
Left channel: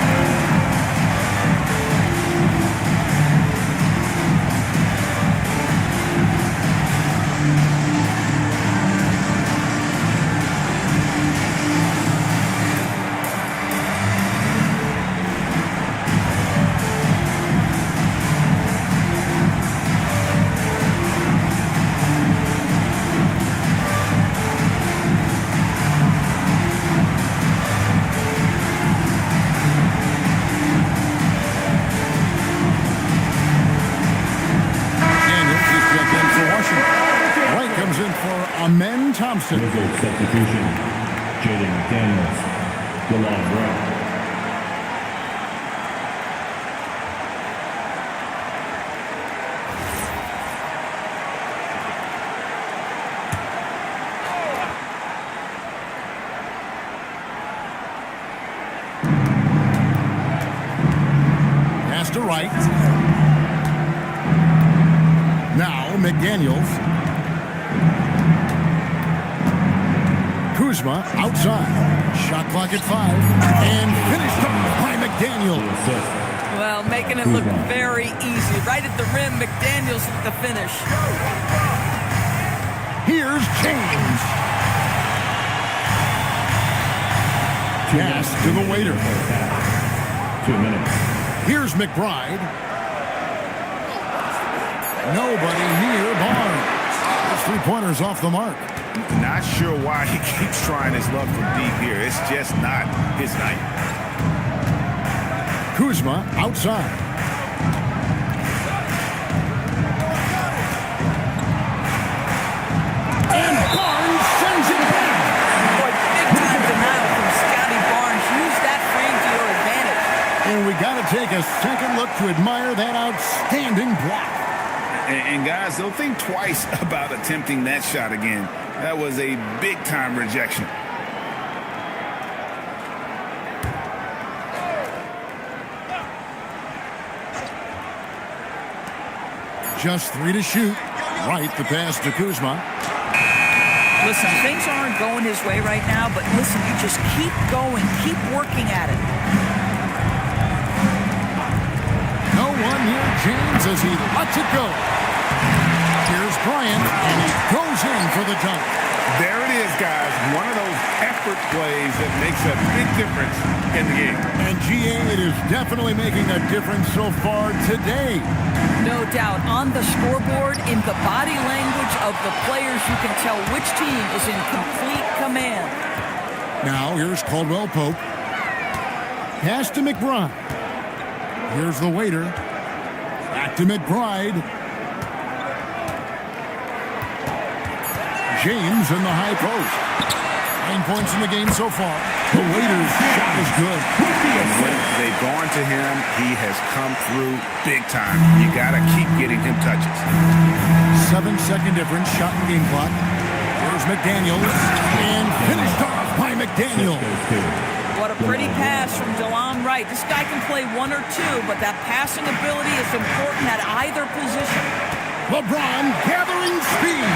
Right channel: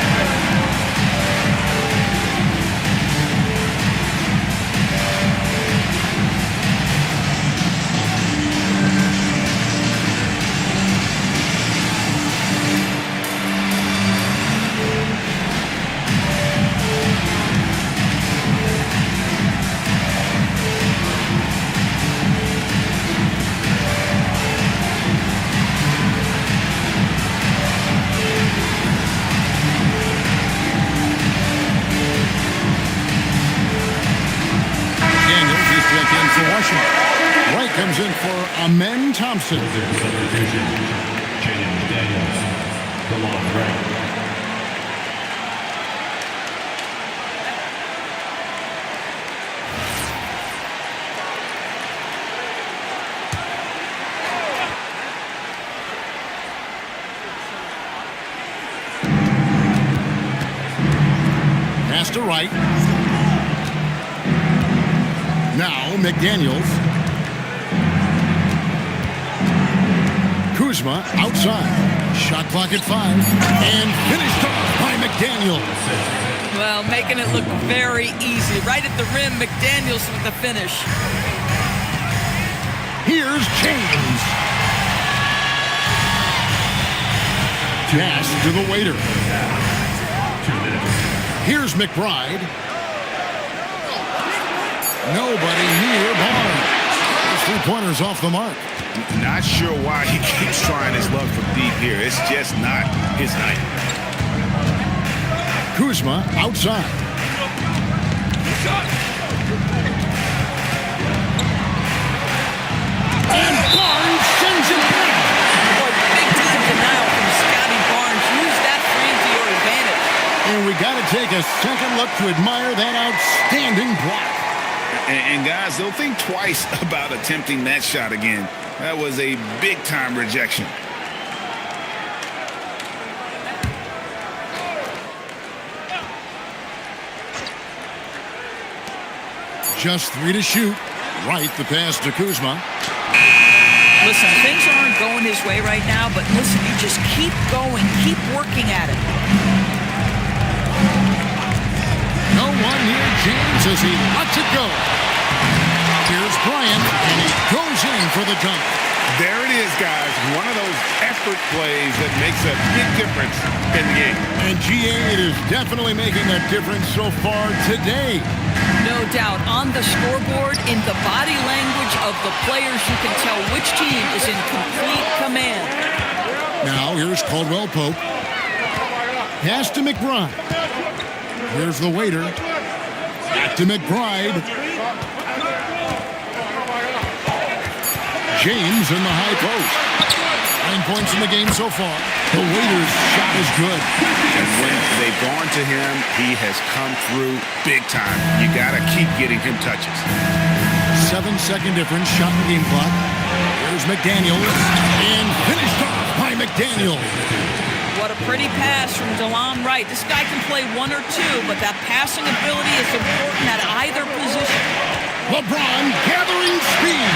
Daniels is checked in for Washington. Wright comes in for Amen Thompson. Wizard substitution. Jaden McDaniels. DeLon Wright. Pass to Wright. Now McDaniels. Kuzma outside. Shot clock at 5. And finished off by McDaniels. Well, making it look very easy. Right at the rim, McDaniels with the finish. Here's James. Pass to the waiter. 2 minutes. Here's McBride. Nobody near Barnes. Those 3-pointers off the mark. Not sure why he keeps trying his luck from deep here. It's just not his night. Kuzma outside. And Barnes sends it back. Boy, big-time denial from Scotty Barnes. Use that frame to your advantage. And we got to take a second look to admire that outstanding block. And guys, they'll think twice about attempting that shot again. That was a big-time rejection. Just 3 to shoot. Right, the pass to Kuzma. Listen, things aren't going his way right now, but listen, you just keep going, keep working at it. No one near James as he lets it go. Here's Bryant, and he goes in for the jump. There it is, guys. One of those effort plays that makes a big difference in the game. And GA, it is definitely making a difference so far today. No doubt. On the scoreboard, in the body language of the players, you can tell which team is in complete command. Now, here's Caldwell Pope. Pass to McBride. Here's the waiter. Back to McBride. James in the high post. 9 points in the game so far. The Waiters' shot is good. And when they've gone to him, he has come through big time. You got to keep getting him touches. 7-second difference, shot and game clock. Here's McDaniels, and finished off by McDaniels. What a pretty pass from DeLon Wright. This guy can play one or two, but that passing ability is important at either position. LeBron gathering speed,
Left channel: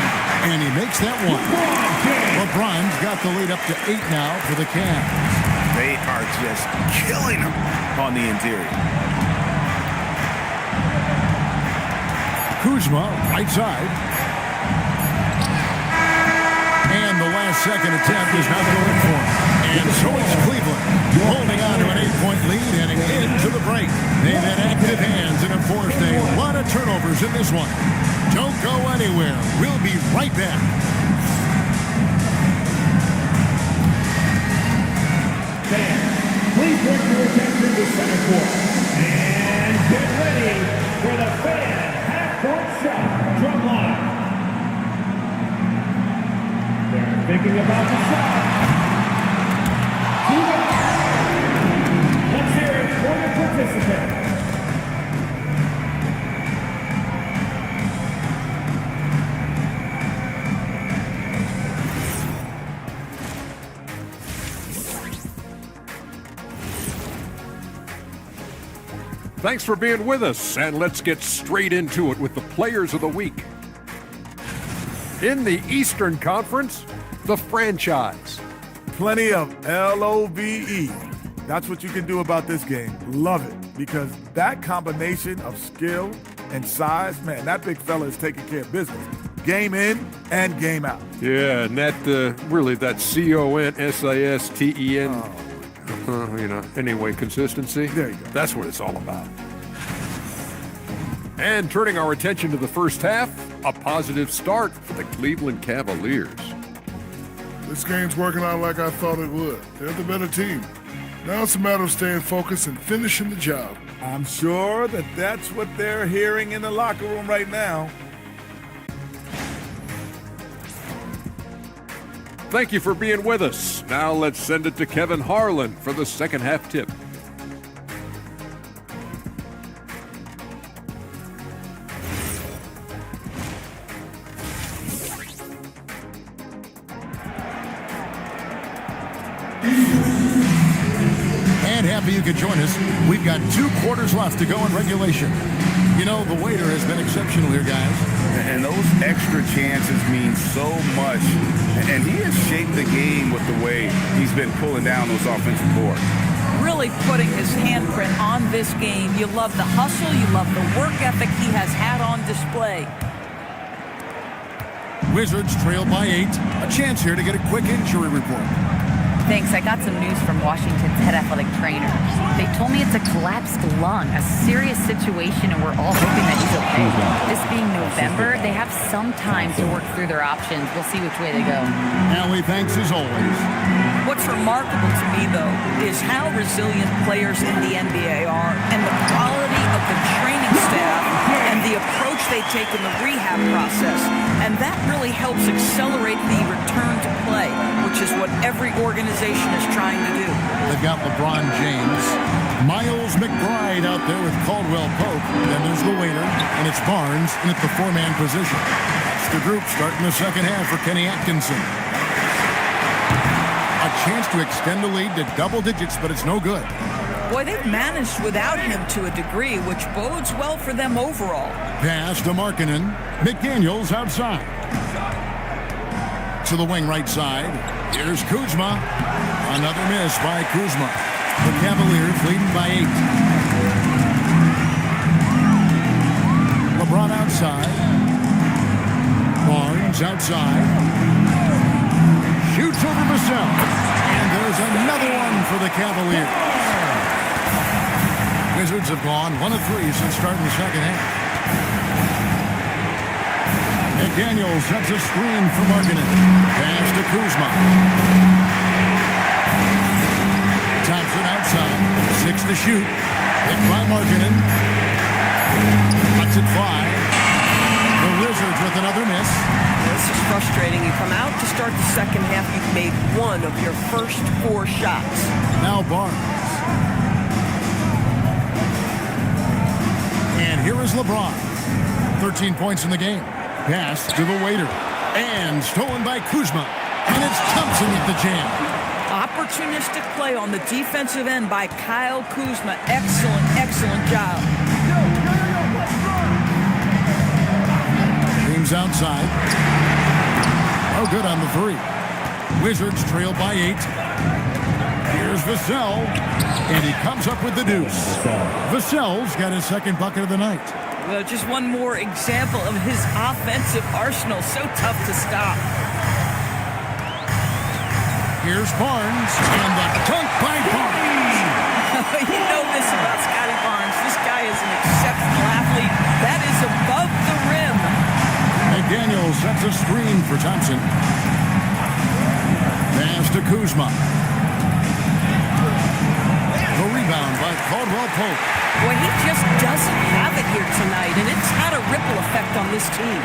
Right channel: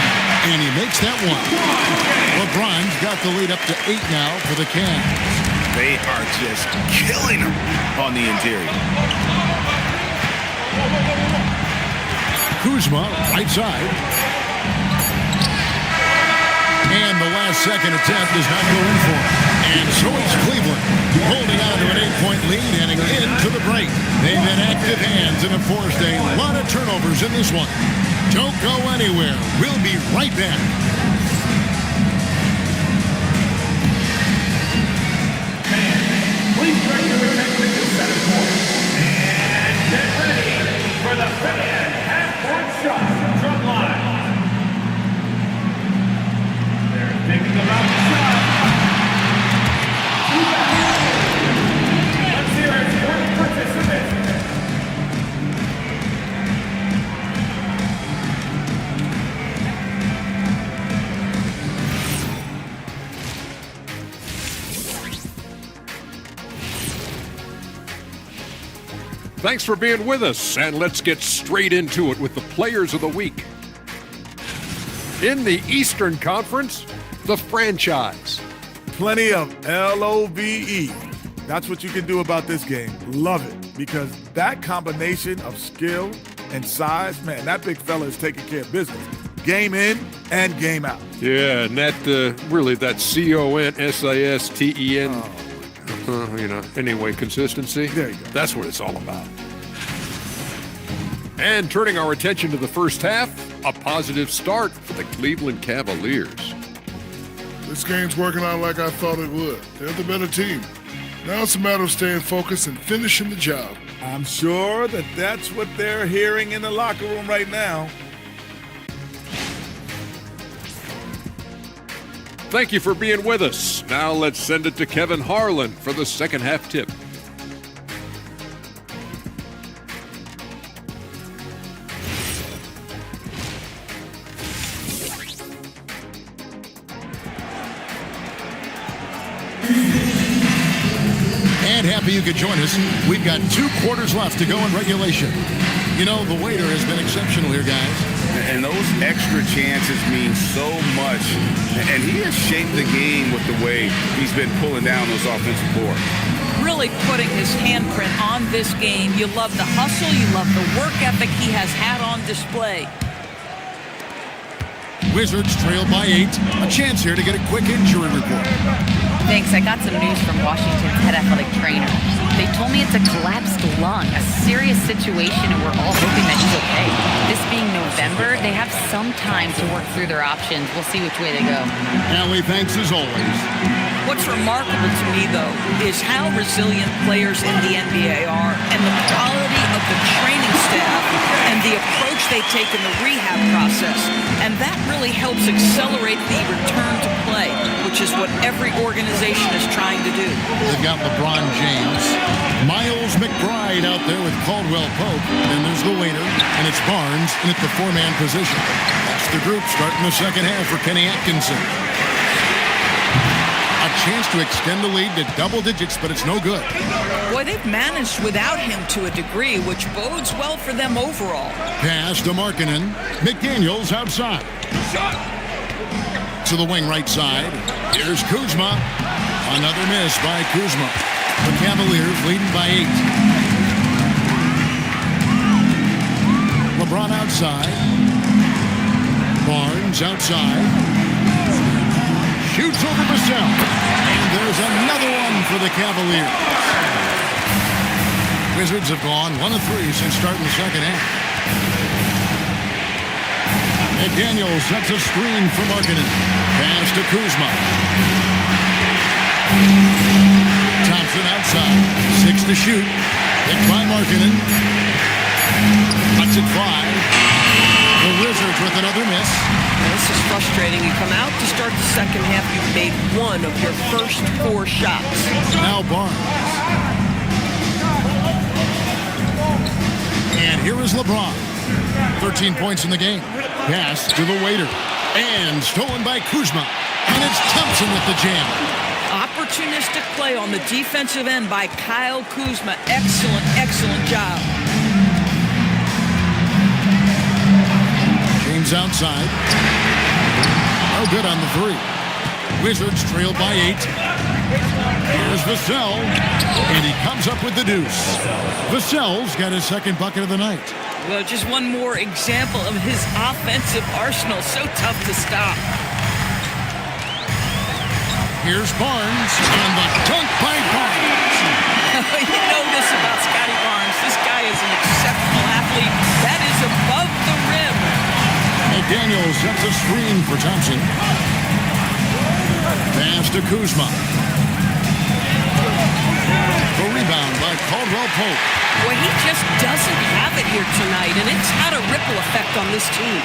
and he makes that one. LeBron's got the lead up to 8 now for the Cavs. They are just killing him on the interior. Kuzma, right side. And the last second attempt does not go in for him. And so it's Cleveland, holding on to an 8-point lead heading into the break. They've had active hands and have forced a lot of turnovers in this one. Don't go anywhere. We'll be right back. Fans, please direct your attention to center court. And get ready for the fan half-court shot drum line. They're thinking about the shot. Let's hear it for the participant. Thanks for being with us, and let's get straight into it with the Players of the Week. In the Eastern Conference, the franchise. Plenty of LOVE. That's what you can do about this game. Love it, because that combination of skill and size, man, that big fella is taking care of business. Game in and game out. Yeah, and that really that CONSISTEN. Anyway, consistency. There you go. That's what it's all about. And turning our attention to the first half, a positive start for the Cleveland Cavaliers. This game's working out like I thought it would. They're the better team. Now it's a matter of staying focused and finishing the job. I'm sure that's what they're hearing in the locker room right now. Thank you for being with us. Now let's send it to Kevin Harlan for the second half tip. And happy you could join us. We've got 2 quarters left to go in regulation. You know, the waiter has been exceptional here, guys. And those extra chances mean so much. And he has shaped the game with the way he's been pulling down those offensive boards. Really putting his handprint on this game. You love the hustle. You love the work ethic he has had on display. Wizards trail by 8. A chance here to get a quick injury report. Thanks. I got some news from Washington's head athletic trainer. They told me it's a collapsed lung, a serious situation, and we're all hoping that he's okay. This being November, they have some time to work through their options. We'll see which way they go. Allie, thanks as always. What's remarkable to me, though, is how resilient players in the NBA are and the quality of the training staff and the approach they take in the rehab process. And that really helps accelerate the return to play, which is what every organization is trying to do. They've got LeBron James, Miles McBride out there with Caldwell Pope. Then there's the waiter, and it's Barnes in at the 4-man position. That's the group starting the second half for Kenny Atkinson. A chance to extend the lead to double digits, but it's no good. Boy, they've managed without him to a degree, which bodes well for them overall. Pass to Markkanen. McDaniels outside. To the wing right side. Here's Kuzma. Another miss by Kuzma. The Cavaliers leading by 8. LeBron outside. Barnes outside. Shoots over Vassell. And there's another one for the Cavaliers. Wizards have gone 1 of 3 since starting the second half. McDaniels sets a screen for Markkanen. Pass to Kuzma. Thompson outside. 6 to shoot. Hit by Markkanen. Lets it fly. The Wizards with another miss. This is frustrating. You come out to start the second half, you've made one of your first 4 shots. Now Barnes. And here is LeBron. 13 points in the game. Pass to the waiter. And stolen by Kuzma. And it's Thompson with the jam. Opportunistic play on the defensive end by Kyle Kuzma. Excellent, excellent job. James outside. No good on the 3. Wizards trail by 8. Here's Vassell. And he comes up with the deuce. Vassell's got his second bucket of the night. Well, just one more example of his offensive arsenal. So tough to stop. Here's Barnes, and the dunk by Barnes. You know this about Scotty Barnes. This guy is an exceptional athlete. That is above the rim. McDaniel sets a screen for Thompson. Pass to Kuzma. The rebound by Caldwell Pope. Boy, he just doesn't have it here tonight, and it's had a ripple effect on this team.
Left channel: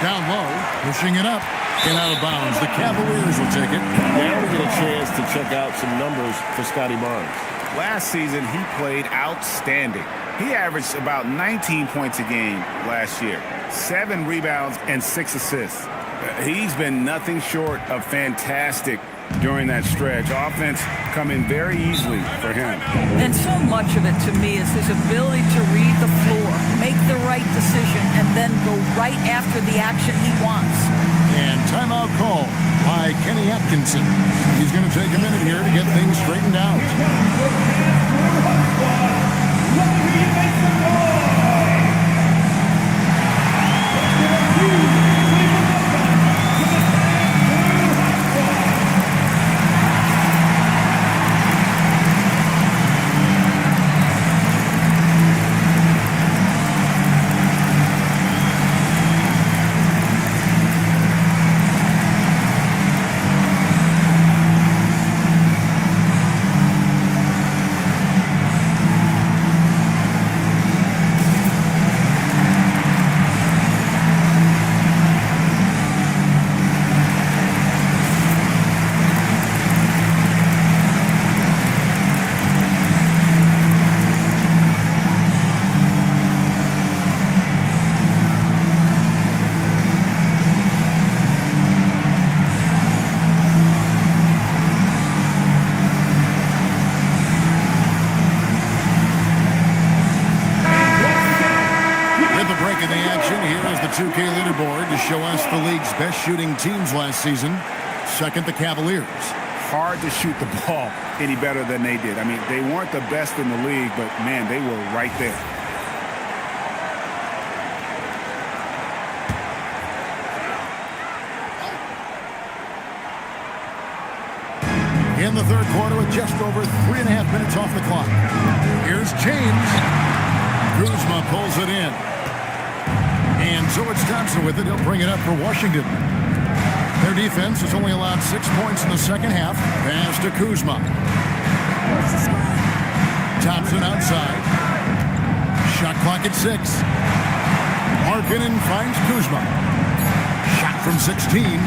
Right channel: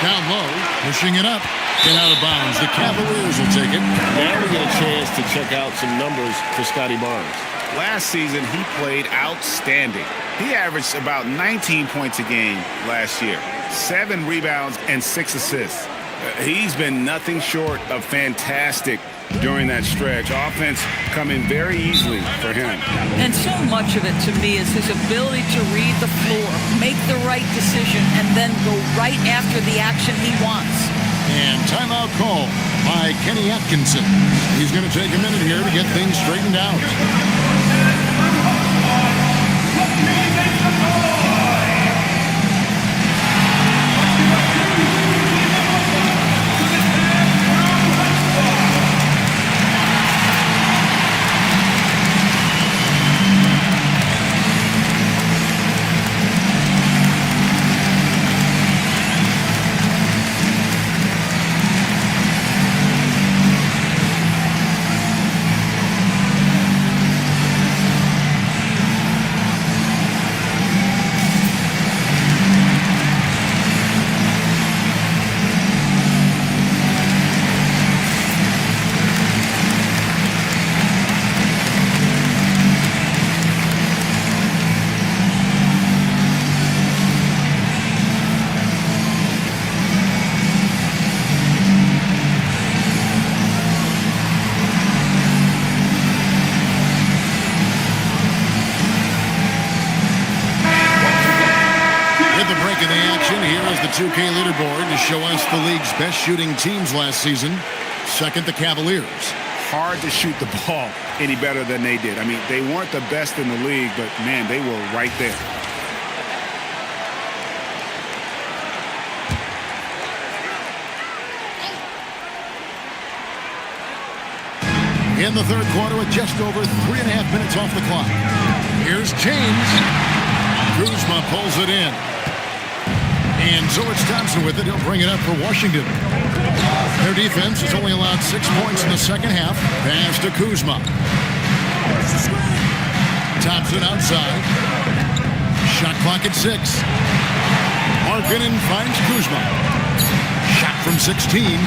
Down low, pushing it up. And out of bounds. The Cavaliers will take it. Now we get a chance to check out some numbers for Scotty Barnes. Last season, he played outstanding. He averaged about 19 points a game last year, 7 rebounds and 6 assists. He's been nothing short of fantastic during that stretch. Offense coming very easily for him. And so much of it to me is his ability to read the floor, make the right decision, and then go right after the action he wants. And timeout call by Kenny Atkinson. He's going to take a minute here to get things straightened out. Of the action, here is the 2K leaderboard to show us the league's best shooting teams last season. Second, the Cavaliers. Hard to shoot the ball any better than they did. I mean, they weren't the best in the league, but, man, they were right there. In the third quarter with just over 3.5 minutes off the clock. Here's James. Kuzma pulls it in. And so it's Thompson with it. He'll bring it up for Washington. Their defense has only allowed 6 points in the second half. Pass to Kuzma. Thompson outside. Shot clock at 6. Markkanen finds Kuzma. Shot from 16.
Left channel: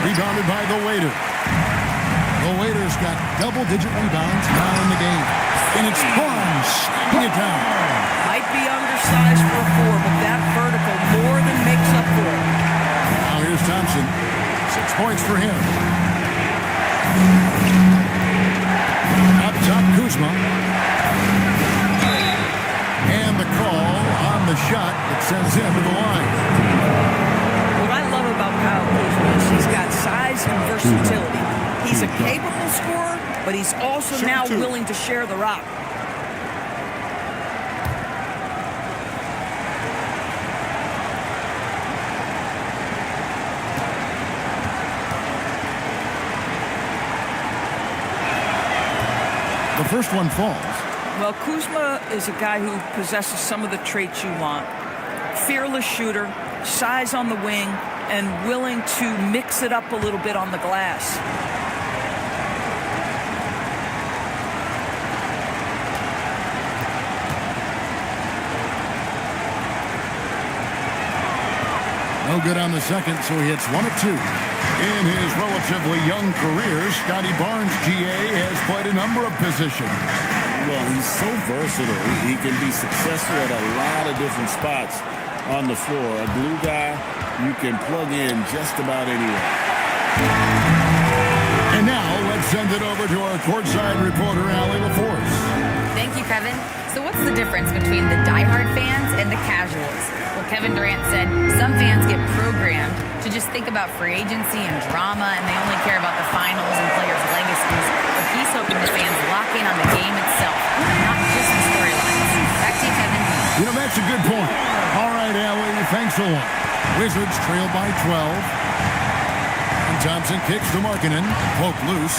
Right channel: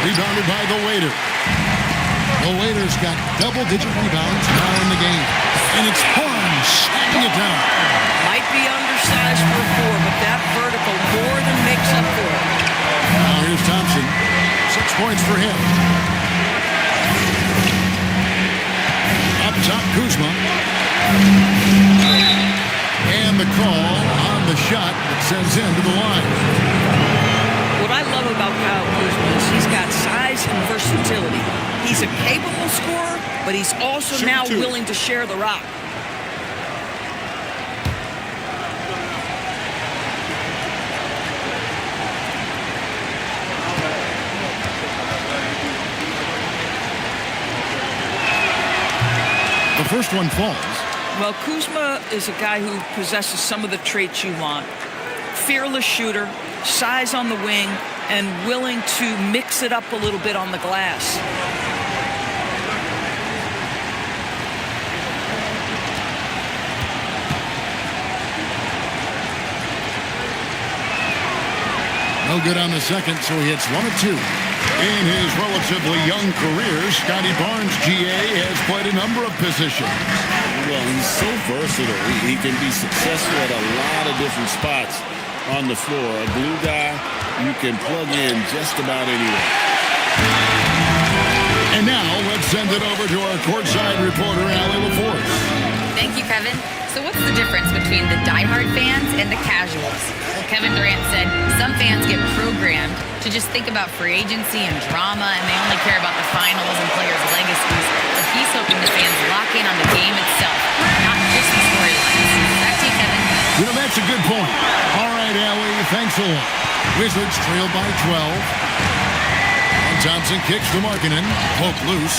Rebounded by the waiter. The waiter's got double-digit rebounds now in the game. And it's Barnes slapping it down. Might be undersized for a 4, but that vertical more than makes up for it. Now here's Thompson. 6 points for him. Up top, Kuzma. And the call on the shot that sends him to the line. What I love about Kyle Kuzma is he's got size and versatility. He's a capable scorer, but he's also now willing to share the rock. The first one falls. Well, Kuzma is a guy who possesses some of the traits you want. Fearless shooter, size on the wing, and willing to mix it up a little bit on the glass. No good on the second, so he hits 1 of 2. In his relatively young career, Scotty Barnes, GA, has played a number of positions. Well, he's so versatile. He can be successful at a lot of different spots on the floor. A glue guy you can plug in just about anywhere. And now let's send it over to our courtside reporter, Allie LaForce. Thank you, Kevin. So what's the difference between the diehard fans and the casuals? Well, Kevin Durant said some fans get programmed to just think about free agency and drama, and they only care about the finals and players' legacies. But he's hoping the fans lock in on the game itself, not just the storylines. Back to you, Kevin. You know, that's a good point. All right, Allie, thanks a lot. Wizards trail by 12. And Thompson kicks to Markkanen. Poke loose.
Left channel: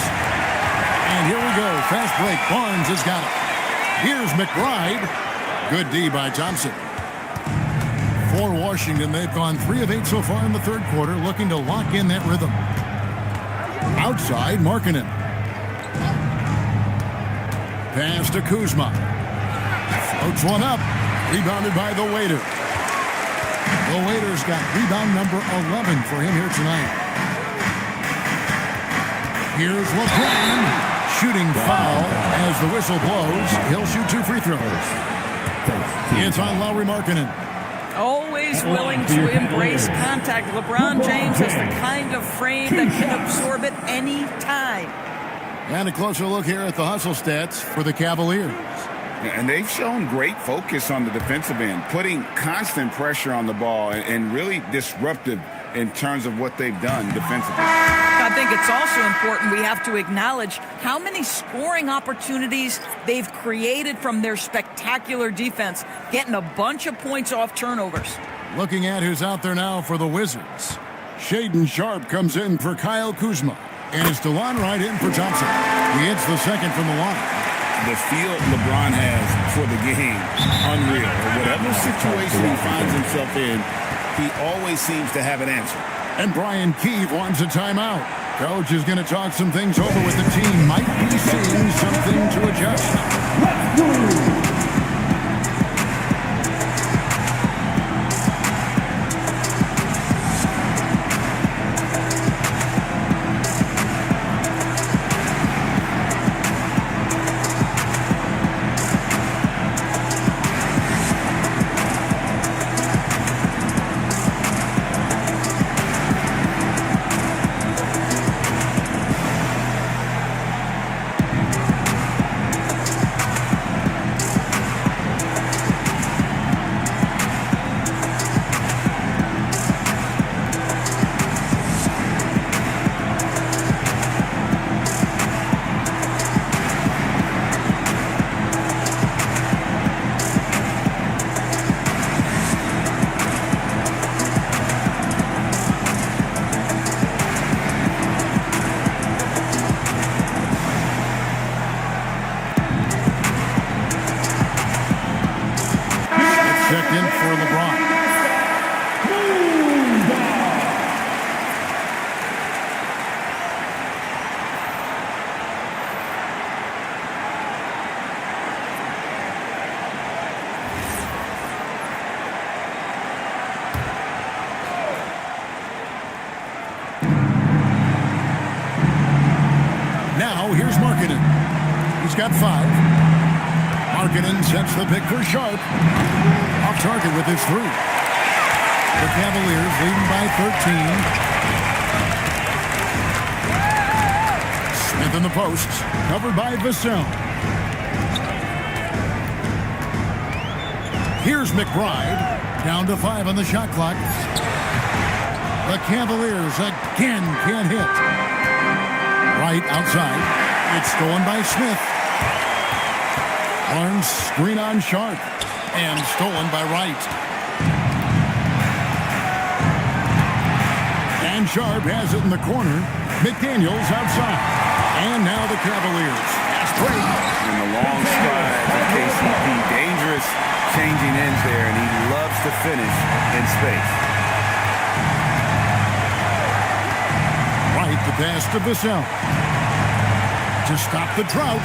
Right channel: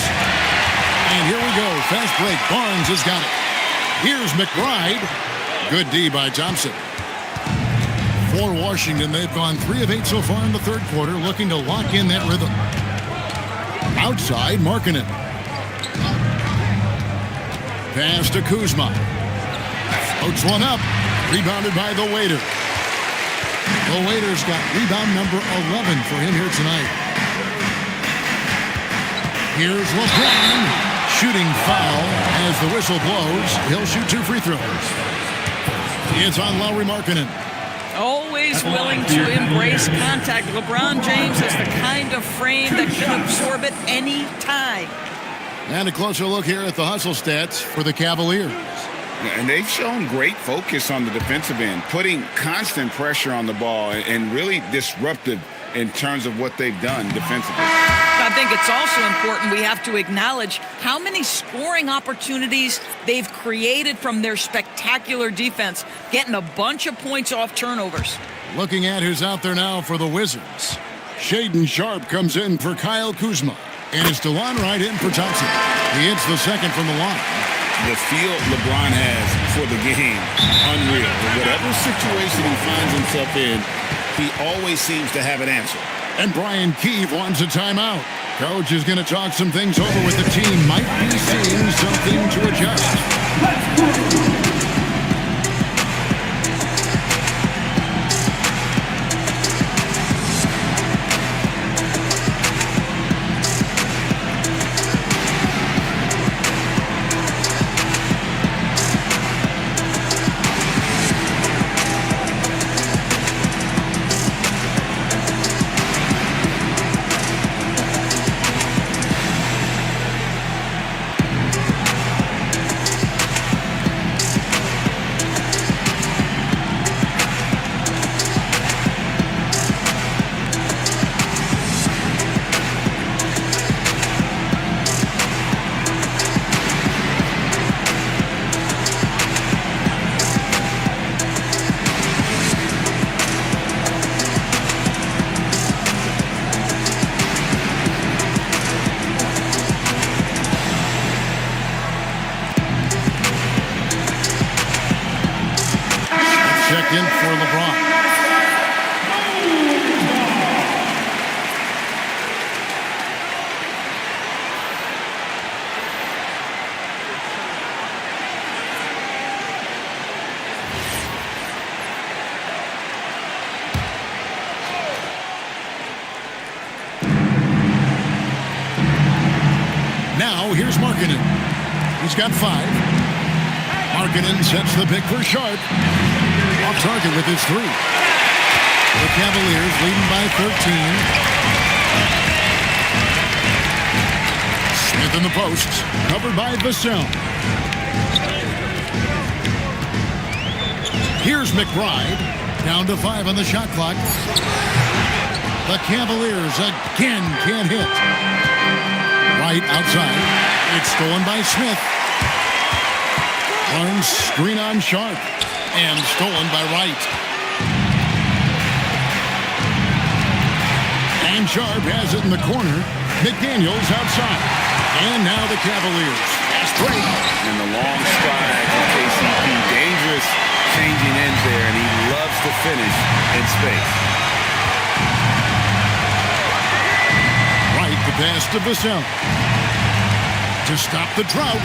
And here we go. Fast break. Barnes has got it. Here's McBride. Good D by Thompson. For Washington, they've gone 3 of 8 so far in the third quarter, looking to lock in that rhythm. Outside, Markkanen. Pass to Kuzma. Floats one up. Rebounded by the Waiter. The Waiter's got rebound number 11 for him here tonight. Here's LeBron. Shooting foul as the whistle blows. He'll shoot 2 free throws. It's on Lauri Markkanen. Always willing to embrace contact. LeBron James has the kind of frame that can absorb it any time. And a closer look here at the hustle stats for the Cavaliers. And they've shown great focus on the defensive end, putting constant pressure on the ball and really disruptive in terms of what they've done defensively. I think it's also important we have to acknowledge how many scoring opportunities they've created from their spectacular defense, getting a bunch of points off turnovers. Looking at who's out there now for the Wizards. Shaedon Sharpe comes in for Kyle Kuzma. And it's DeLon Wright in for Thompson. He hits the second from the line. The feel LeBron has for the game, unreal. Whatever situation he finds himself in, he always seems to have an answer. And Brian Keefe wants a timeout. Coach is going to talk some things over with the team. Might be seeing something to adjust. Let's go. Checked in for LeBron. Now here's Markkanen. He's got 5. Markkanen sets the pick for Sharpe. Off target with his 3. The Cavaliers leading by 13. Smith in the posts, covered by Vassell. Here's McBride, down to 5 on the shot clock. The Cavaliers again can't hit. Right outside, it's stolen by Smith. Barnes screen on Sharpe. And stolen by Wright. And Sharpe has it in the corner. McDaniels outside. And now the Cavaliers. Fast break. And the long stride from KCP. Dangerous changing ends there, and he loves to finish in space. Wright, the pass to Vassell. To stop the drought.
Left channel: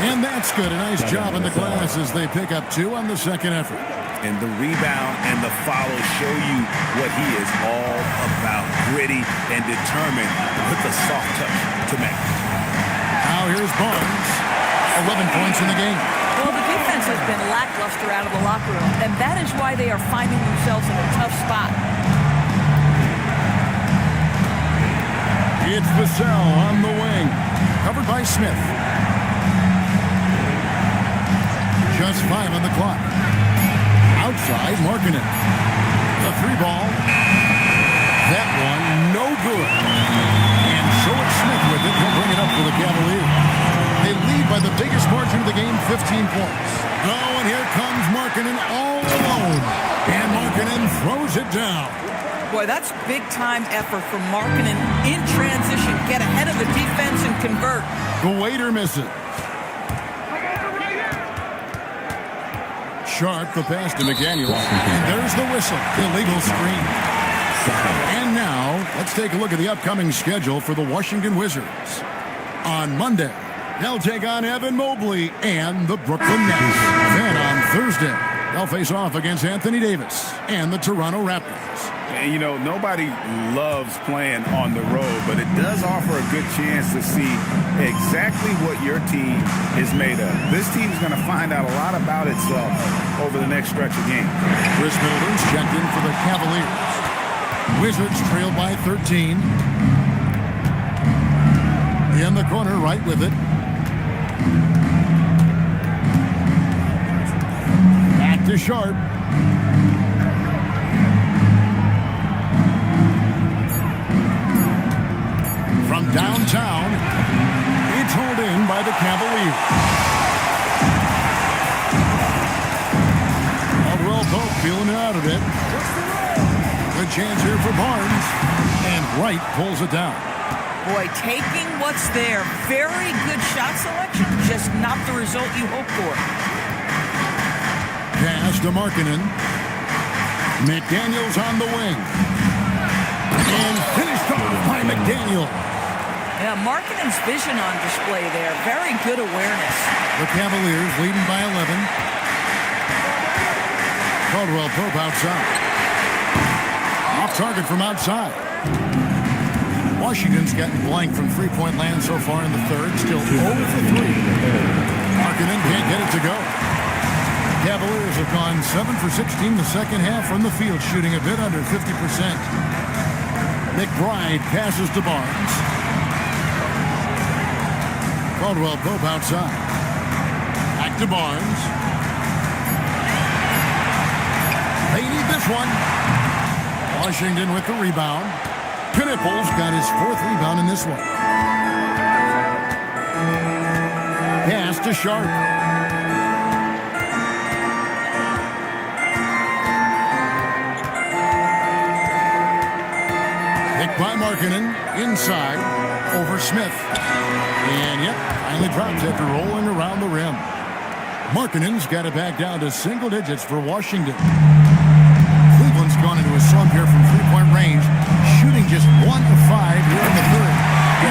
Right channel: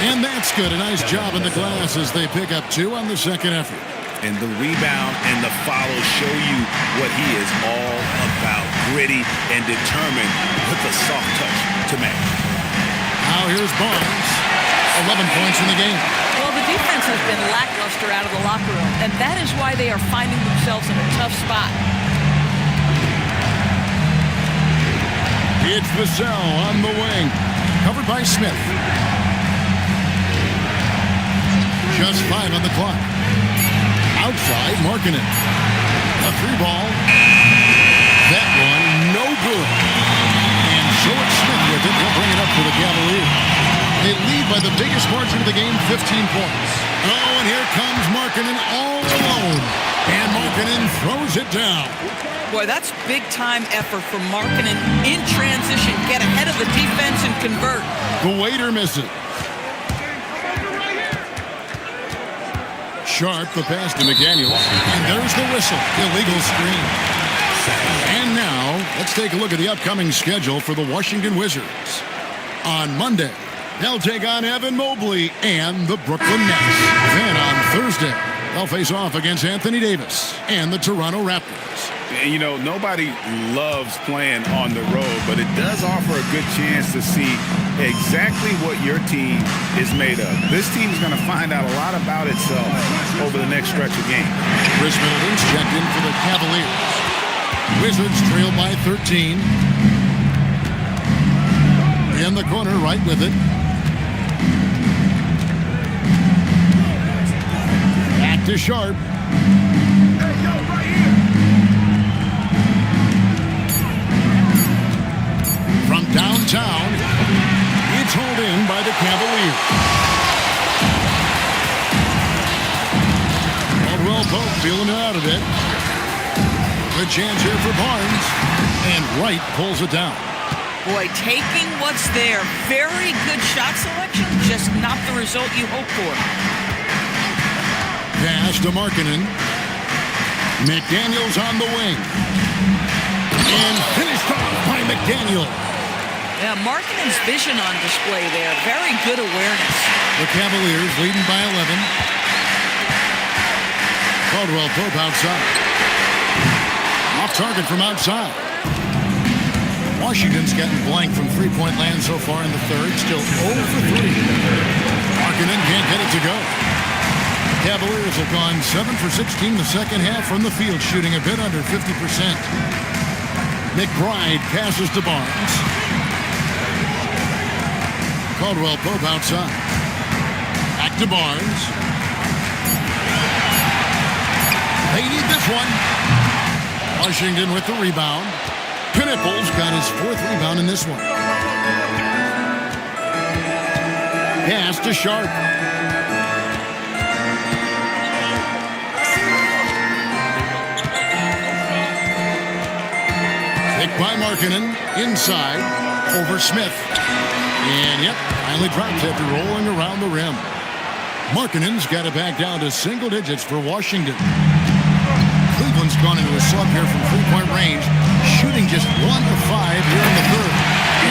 And that's good. A nice job in the glass as they pick up 2 on the second effort. And the rebound and the follow show you what he is all about. Gritty and determined with a soft touch to match. Now here's Barnes. 11 points in the game. Well, the defense has been lackluster out of the locker room, and that is why they are finding themselves in a tough spot. It's Vassell on the wing. Covered by Smith. Just 5 on the clock. Outside, Markkanen. A 3-ball. That one, no good. And so it's Smith with it. He'll bring it up for the Cavaliers. They lead by the biggest margin of the game, 15 points. Oh, and here comes Markkanen all alone. And Markkanen throws it down. Boy, that's big-time effort from Markkanen in transition. Get ahead of the defense and convert. The waiter misses. Sharp, the pass to McDaniels. And there's the whistle. Illegal screen. And now, let's take a look at the upcoming schedule for the Washington Wizards. On Monday, they'll take on Evan Mobley and the Brooklyn Nets. Then on Thursday, they'll face off against Anthony Davis and the Toronto Raptors. And, you know, nobody loves playing on the road, but it does offer a good chance to see exactly what your team is made of. This team is going to find out a lot about itself over the next stretch of games. Chris Middleton's checked in for the Cavaliers. Wizards trail by 13. In the corner, right with it. Back to Sharp. From downtown, it's hauled in by the Cavaliers. Caldwell Pope feeling it out a bit. Good chance here for Barnes. And Wright pulls it down. Boy, taking what's there. Very good shot selection, just not the result you hope for. Pass to Markkanen. McDaniels on the wing. And finished off by McDaniel. Yeah, Markkanen's vision on display there. Very good awareness. The Cavaliers leading by 11. Caldwell Pope outside. Off target from outside. Washington's gotten blank from three-point land so far in the third. Still 0 for 3. Markkanen can't get it to go. Cavaliers have gone 7 for 16 the second half from the field, shooting a bit under 50%. McBride passes to Barnes. Caldwell Pope outside. Back to Barnes. They need this one. Washington with the rebound. Knipples got his 4th rebound in this one. Pass to Sharp. Picked by Markkanen. Inside. Over Smith. And yep, finally drops after rolling around the rim. Markkanen's got it back down to single digits for Washington. Cleveland's gone into a slump here from three-point range, shooting just 1 of 5 here in the third.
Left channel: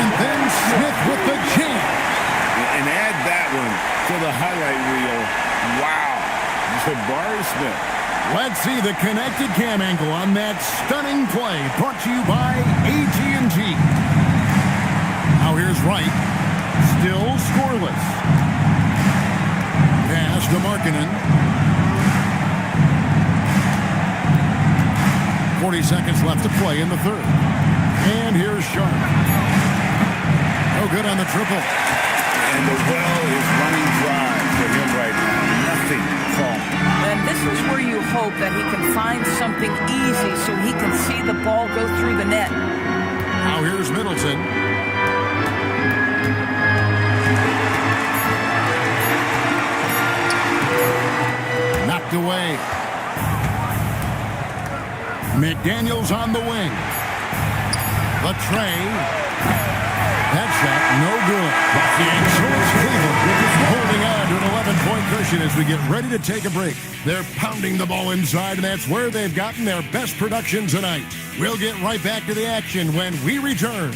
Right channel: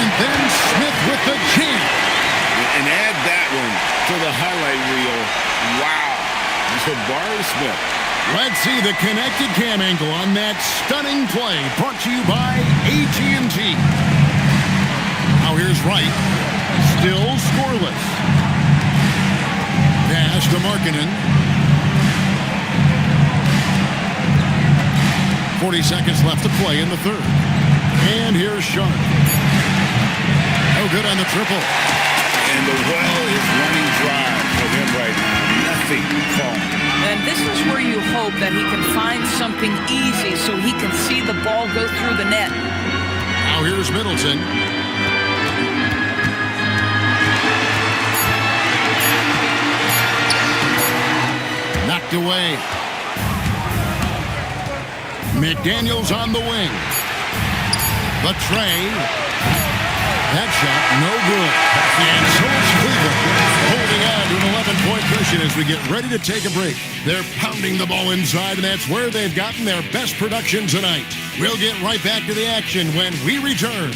And then Smith with the jam. And add that one to the highlight reel. Wow. Jabari Smith. Let's see the connected cam angle on that stunning play, brought to you by AT&T. Now here's Wright. Still scoreless. Pass to Markkanen. 40 seconds left to play in the third. And here's Sharp. No good on the triple. And the well is running dry for him right now. Nothing falling. And this is where you hope that he can find something easy so he can see the ball go through the net. Now here's Middleton. Knocked away. McDaniels on the wing. The tray. That shot, no good. And so it's Cleveland holding on to an 11-point cushion as we get ready to take a break. They're pounding the ball inside, and that's where they've gotten their best production tonight. We'll get right back to the action when we return.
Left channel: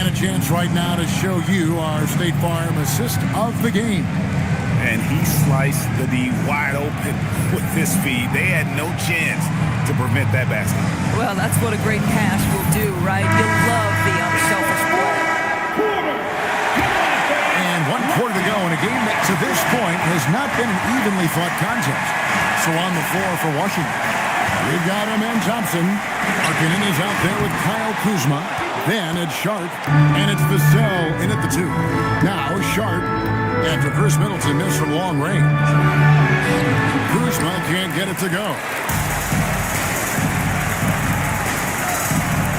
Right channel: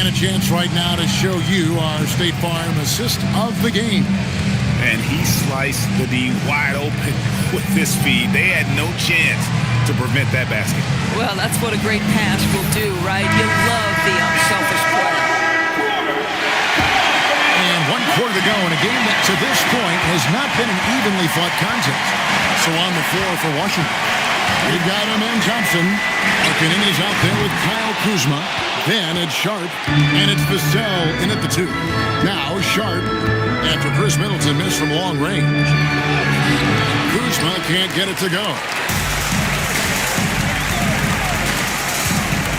And a chance right now to show you our State Farm assist of the game. And he sliced the D wide open with this feed. They had no chance to prevent that basket. Well, that's what a great pass will do, right? You love the unselfish play. And 1 quarter to go in a game that to this point has not been an evenly fought contest. So on the floor for Washington, we've got Amen Thompson. Markkanen is out there with Kyle Kuzma. Then it's Sharp, and it's Vassell in at the 2. Now Sharp, after Chris Middleton missed from long range. Kuzma can't get it to go.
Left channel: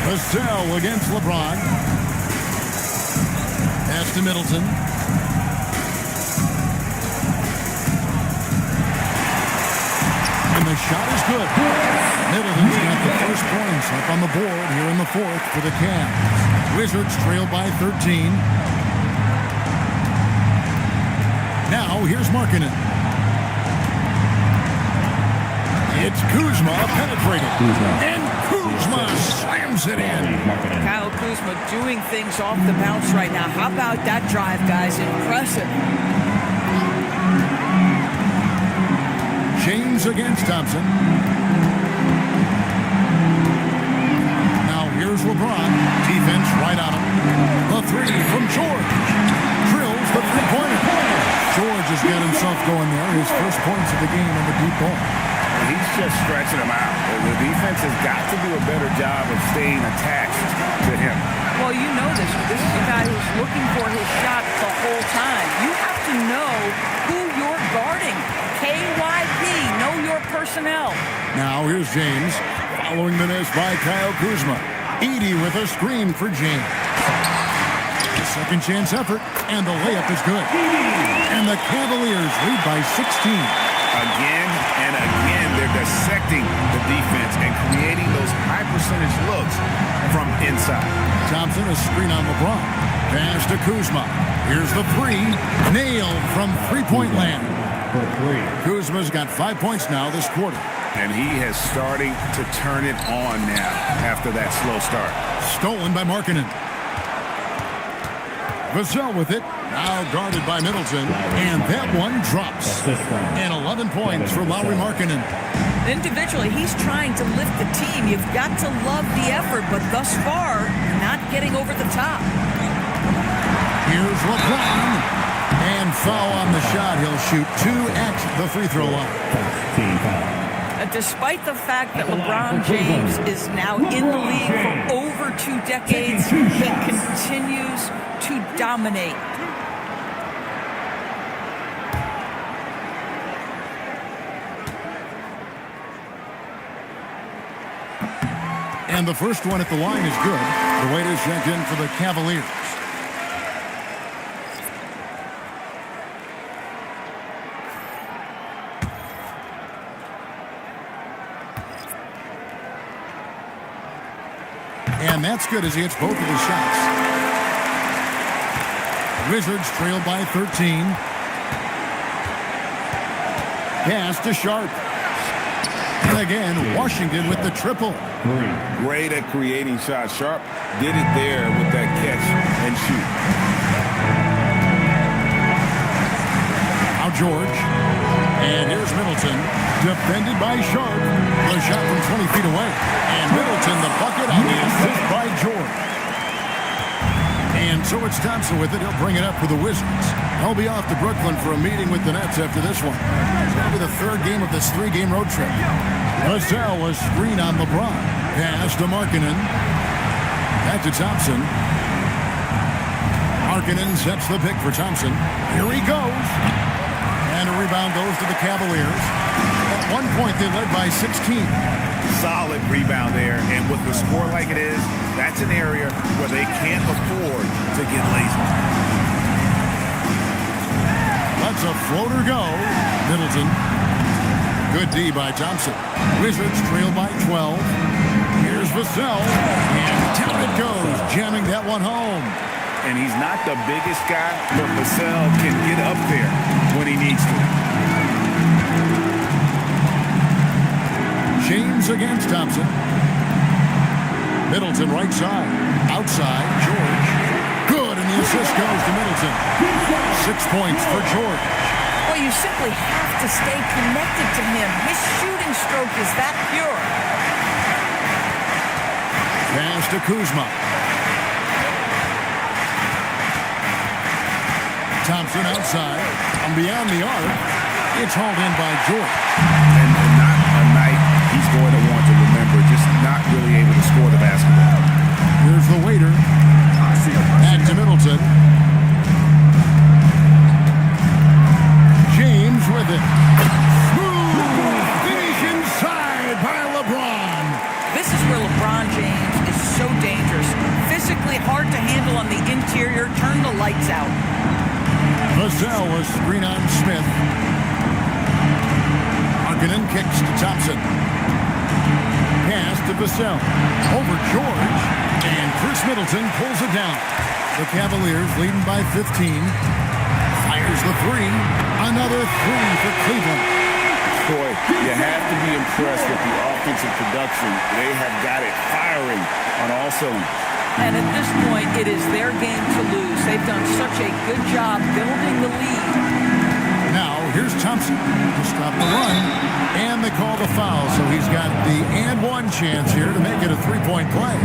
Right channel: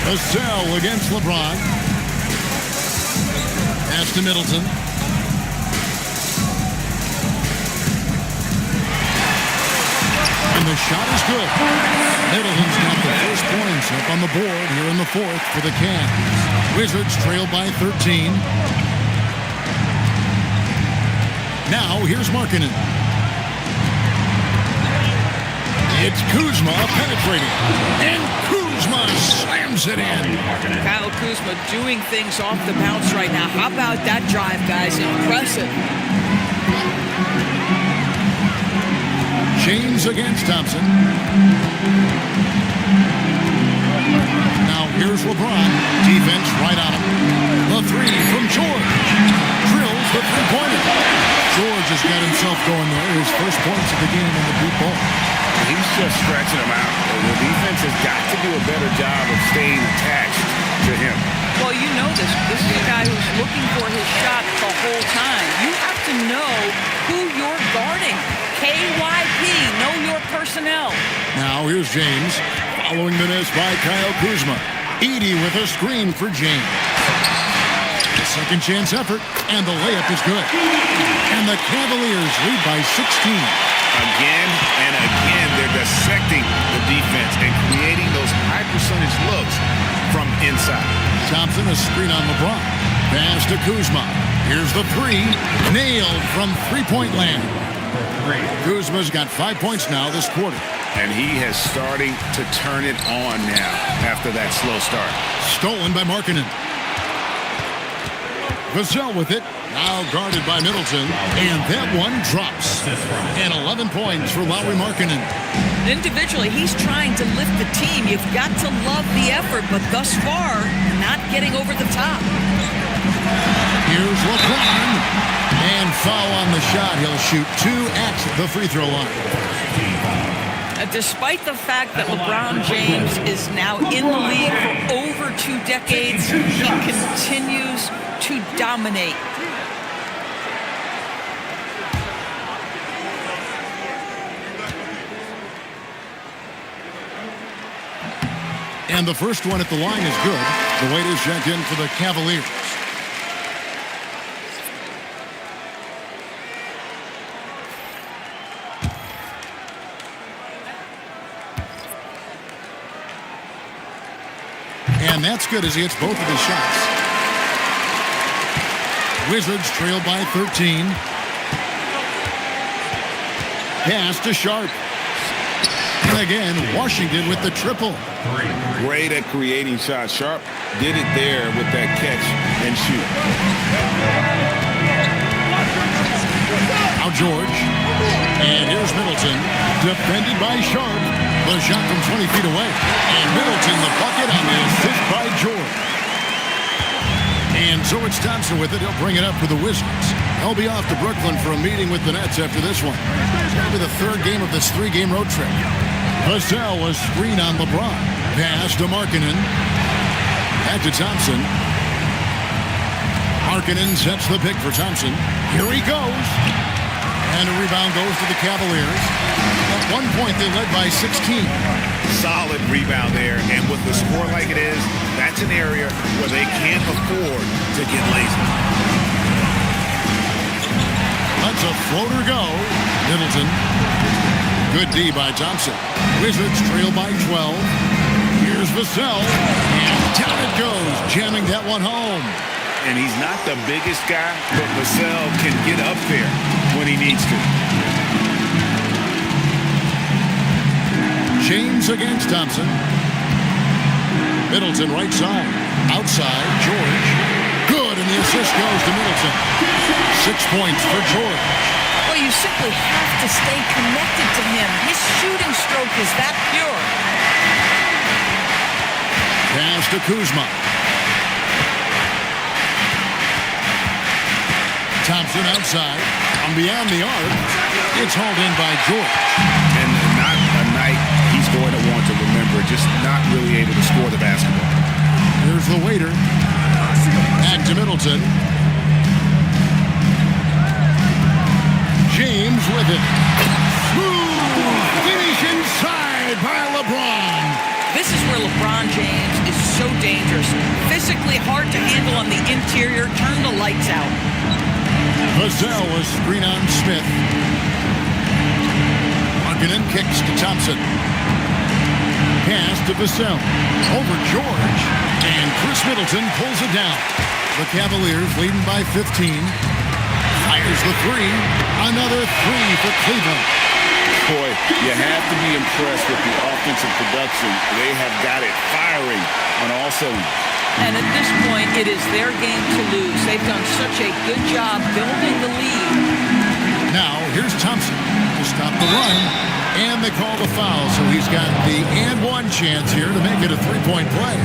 Vassell against LeBron. Pass to Middleton. And the shot is good. Middleton's got the first points up on the board here in the 4th for the Cavs. Wizards trail by 13. Now here's Markkanen. It's Kuzma penetrating. And Kuzma slams it in. Kyle Kuzma doing things off the bounce right now. How about that drive, guys? Impressive. James against Thompson. Now here's LeBron. Defense right on him. The 3 from George. Drills the 3-pointer. George has got himself going there. His first points of the game on the deep ball. He's just stretching him out. The defense has got to do a better job of staying attached to him. Well, you know this. This is a guy who's looking for his shot the whole time. You have to know who you're guarding. KYP, know your personnel. Now here's James, following the miss by Kyle Kuzma. Edey with a screen for James. The second chance effort, and the layup is good. And the Cavaliers lead by 16. Again and again, they're dissecting the defense and creating those high percentage looks from inside. Thompson, a screen on LeBron. Pass to Kuzma. Here's the 3. Nailed from three-point land. Kuzma's got 5 points now this quarter. And he has starting to turn it on now after that slow start. Stolen by Markkanen. Vassell with it. Now guarded by Middleton. And that one drops. And 11 points for Lauri Markkanen. Individually, he's trying to lift the team. You've got to love the effort, but thus far, not getting over the top. Here's LeBron. And foul on the shot. He'll shoot 2 at the free throw line. Despite the fact that LeBron James is now in the league for over 2 decades, he continues to dominate. And the first one at the line is good. The weight is checked in for the Cavaliers. And that's good as he hits both of his shots. Wizards trail by 13. Pass to Sharp. And again, Washington with the triple. Great at creating shots. Sharp did it there with that catch and shoot. Now George. And here's Middleton. Defended by Sharp. The shot from 20 feet away. And Middleton the bucket on the assist by George. And so it's Thompson with it. He'll bring it up for the Wizards. They'll be off to Brooklyn for a meeting with the Nets after this one. That'll be the 3rd game of this 3-game road trip. Vassell, a screen on LeBron. Pass to Markkanen. Back to Thompson. Markkanen sets the pick for Thompson. Here he goes. And a rebound goes to the Cavaliers. At one point, they led by 16. Solid rebound there, and with the score like it is, that's an area where they can't afford to get lazy. Lets a floater go. Middleton. Good D by Thompson. Wizards trail by 12. Here's Vassell. And down it goes, jamming that one home. And he's not the biggest guy, but Vassell can get up there when he needs to. James against Thompson. Middleton right side. Outside, George. And the assist goes to Middleton. 6 points for George. Well, you simply have to stay connected to him. His shooting stroke is that pure. Pass to Kuzma. Thompson outside. And beyond the arc, it's hauled in by George. And not a night he's going to want to remember, just not really able to score the basketball. Here's the waiter. Back to Middleton. James with it. Smooth finish inside by LeBron. This is where LeBron James is so dangerous. Physically hard to handle on the interior. Turn the lights out. Vassell was screen on Smith. Markkanen kicks to Thompson. Pass to Vassell. Over George. And Chris Middleton pulls it down. The Cavaliers leading by 15. Fires the three. Another three for Cleveland. Boy, you have to be impressed with the offensive production. They have got it firing on all cylinders. And at this point, it is their game to lose. They've done such a good job building the lead. Now, here's Thompson to stop the run. And they call the foul, so he's got the and one chance here to make it a three-point play.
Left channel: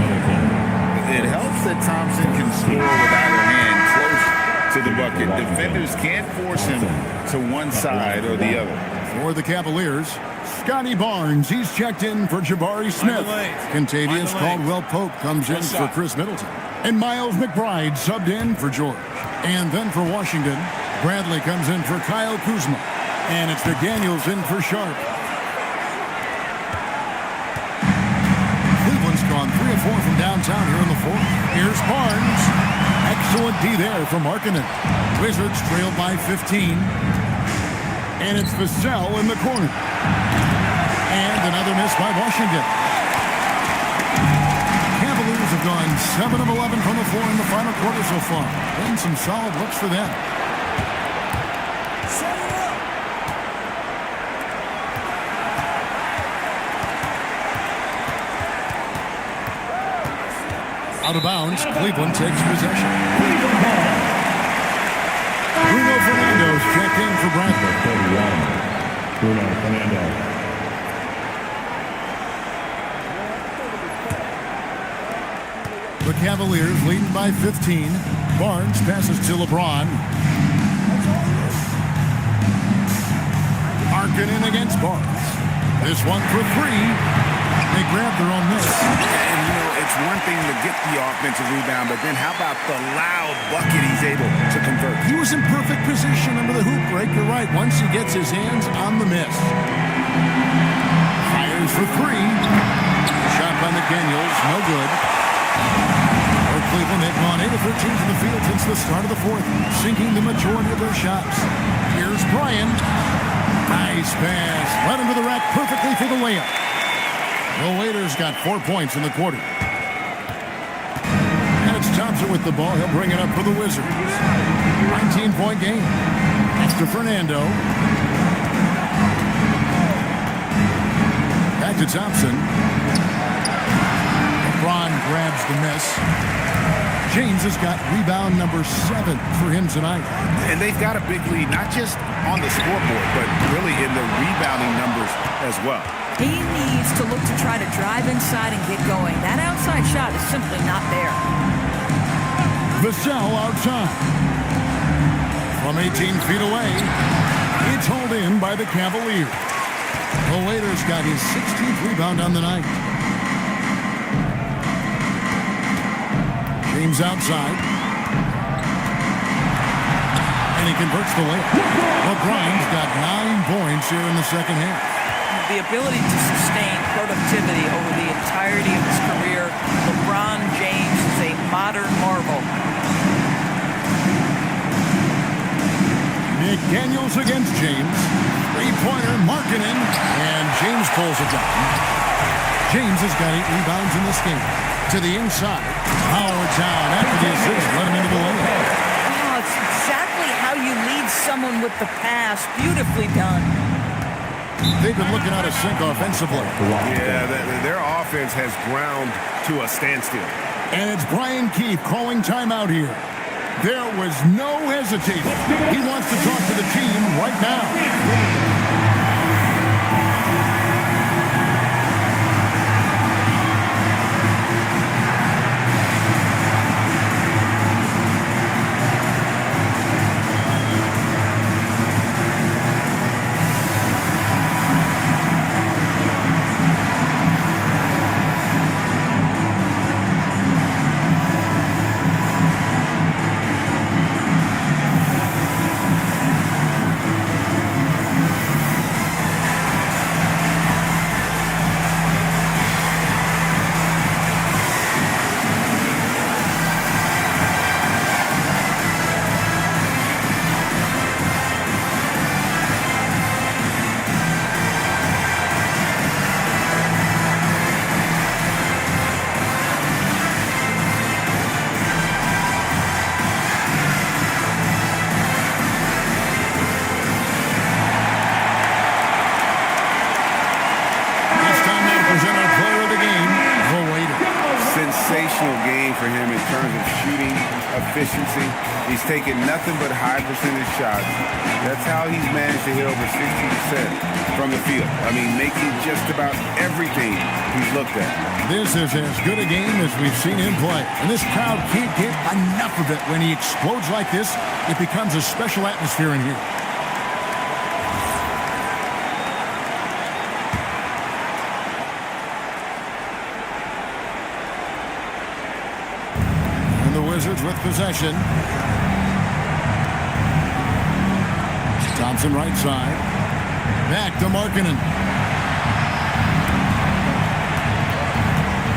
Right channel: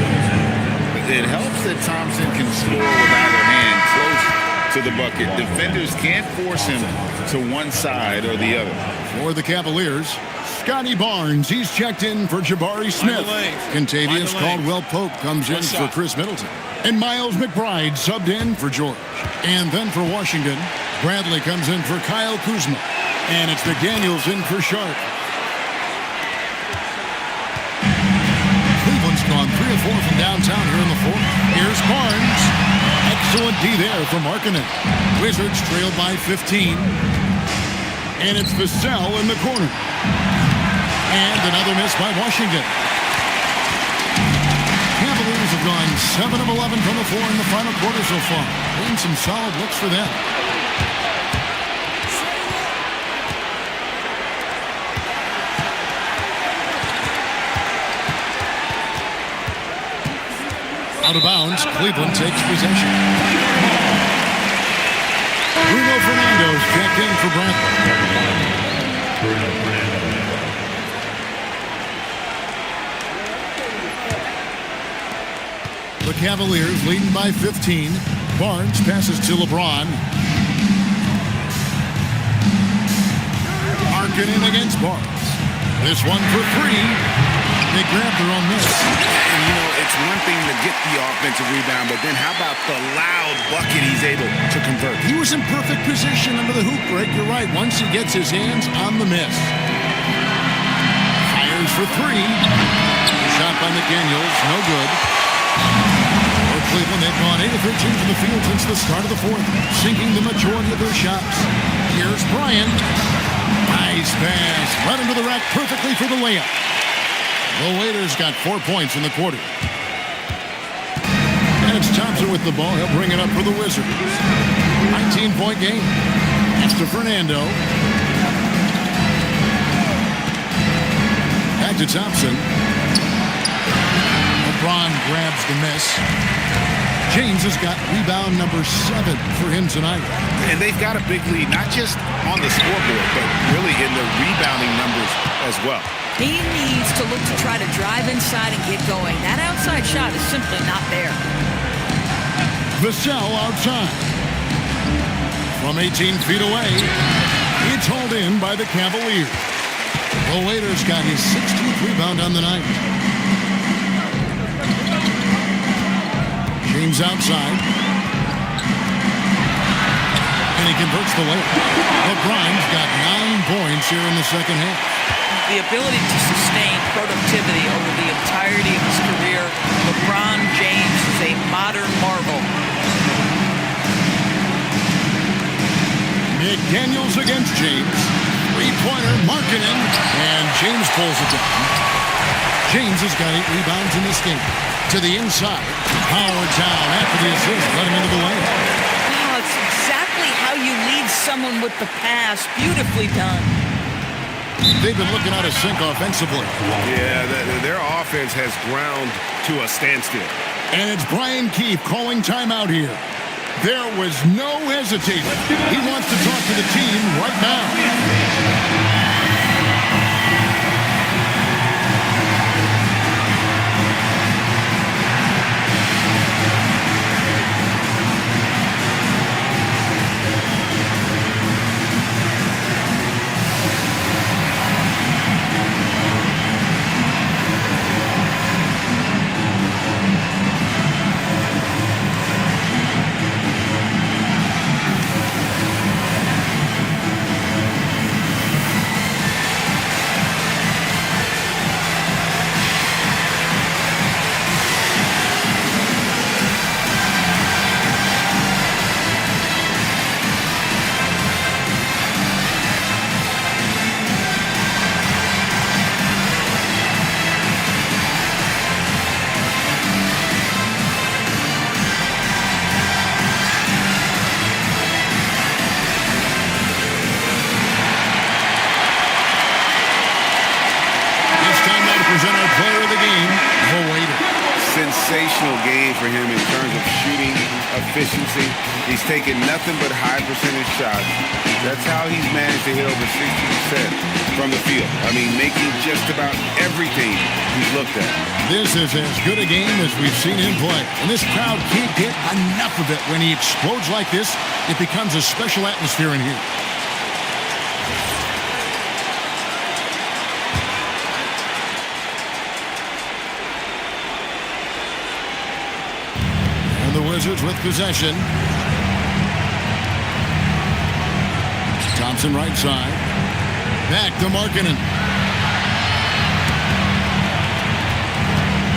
It helps that Thompson can score with either hand close to the bucket. Defenders can't force him to one side or the other. For the Cavaliers, Scotty Barnes. He's checked in for Jabari Smith. Contavious Caldwell-Pope comes in for Chris Middleton. And Miles McBride subbed in for George. And then for Washington, Bradley comes in for Kyle Kuzma. And it's McDaniels in for Sharp. Cleveland's gone 3 of 4 from downtown here in the fourth. Here's Barnes. Excellent D there from Markkanen. Wizards trail by 15. And it's Vassell in the corner. And another miss by Washington. Cavaliers have gone 7 of 11 from the floor in the final quarter so far. And some solid looks for them. Out of bounds, Cleveland takes possession. Bruno Fernando's checked in for Bradley. Bruno Fernando. The Cavaliers leading by 15. Barnes passes to LeBron. Markkanen against Barnes. This one for three. They grab their own miss. And, you know, it's one thing to get the offensive rebound, but then how about the loud bucket he's able to convert? He was in perfect position under the hoop break. You're right. Once he gets his hands on the miss. Fires for three. Shot by McDaniels. No good. For Cleveland, they've gone 8 of 13 from the field since the start of the fourth, sinking the majority of their shots. Here's Bryan. Nice pass. Right into the rack perfectly for the layup. The Waiters got 4 points in the quarter. And it's Thompson with the ball. He'll bring it up for the Wizards. 19-point game. That's to Fernando. Back to Thompson. LeBron grabs the miss. James has got rebound number 7 for him tonight. And they've got a big lead, not just on the scoreboard, but really in the rebounding numbers as well. He needs to look to try to drive inside and get going. That outside shot is simply not there. Vassell outside. From 18 feet away, it's hauled in by the Cavaliers. The Waiters got his 16th rebound on the night. James outside. And he converts the layup. LeBron's got 9 points here in the second half. The ability to sustain productivity over the entirety of his career, LeBron James is a modern marvel. McDaniels against James. Three-pointer, Markkanen, and James pulls it down. James has got 8 rebounds in this game. To the inside, Howard down after the assist, let him into the lane. Oh, it's exactly how you lead someone with the pass. Beautifully done. They've been looking out of sync offensively. Yeah, their offense has ground to a standstill. And it's Brian Keefe calling timeout here. There was no hesitating. He wants to talk to the team right now. Present our player of the game, the waiter. Sensational game for him in terms of shooting efficiency. He's taken nothing but high percentage shots. That's how he's managed to hit over 60% from the field. I mean, making just about everything he's looked at. This is as good a game as we've seen him play. And this crowd can't get enough of it. When he explodes like this, it becomes a special atmosphere in here. The Wizards with possession. Thompson right side. Back to Markkanen.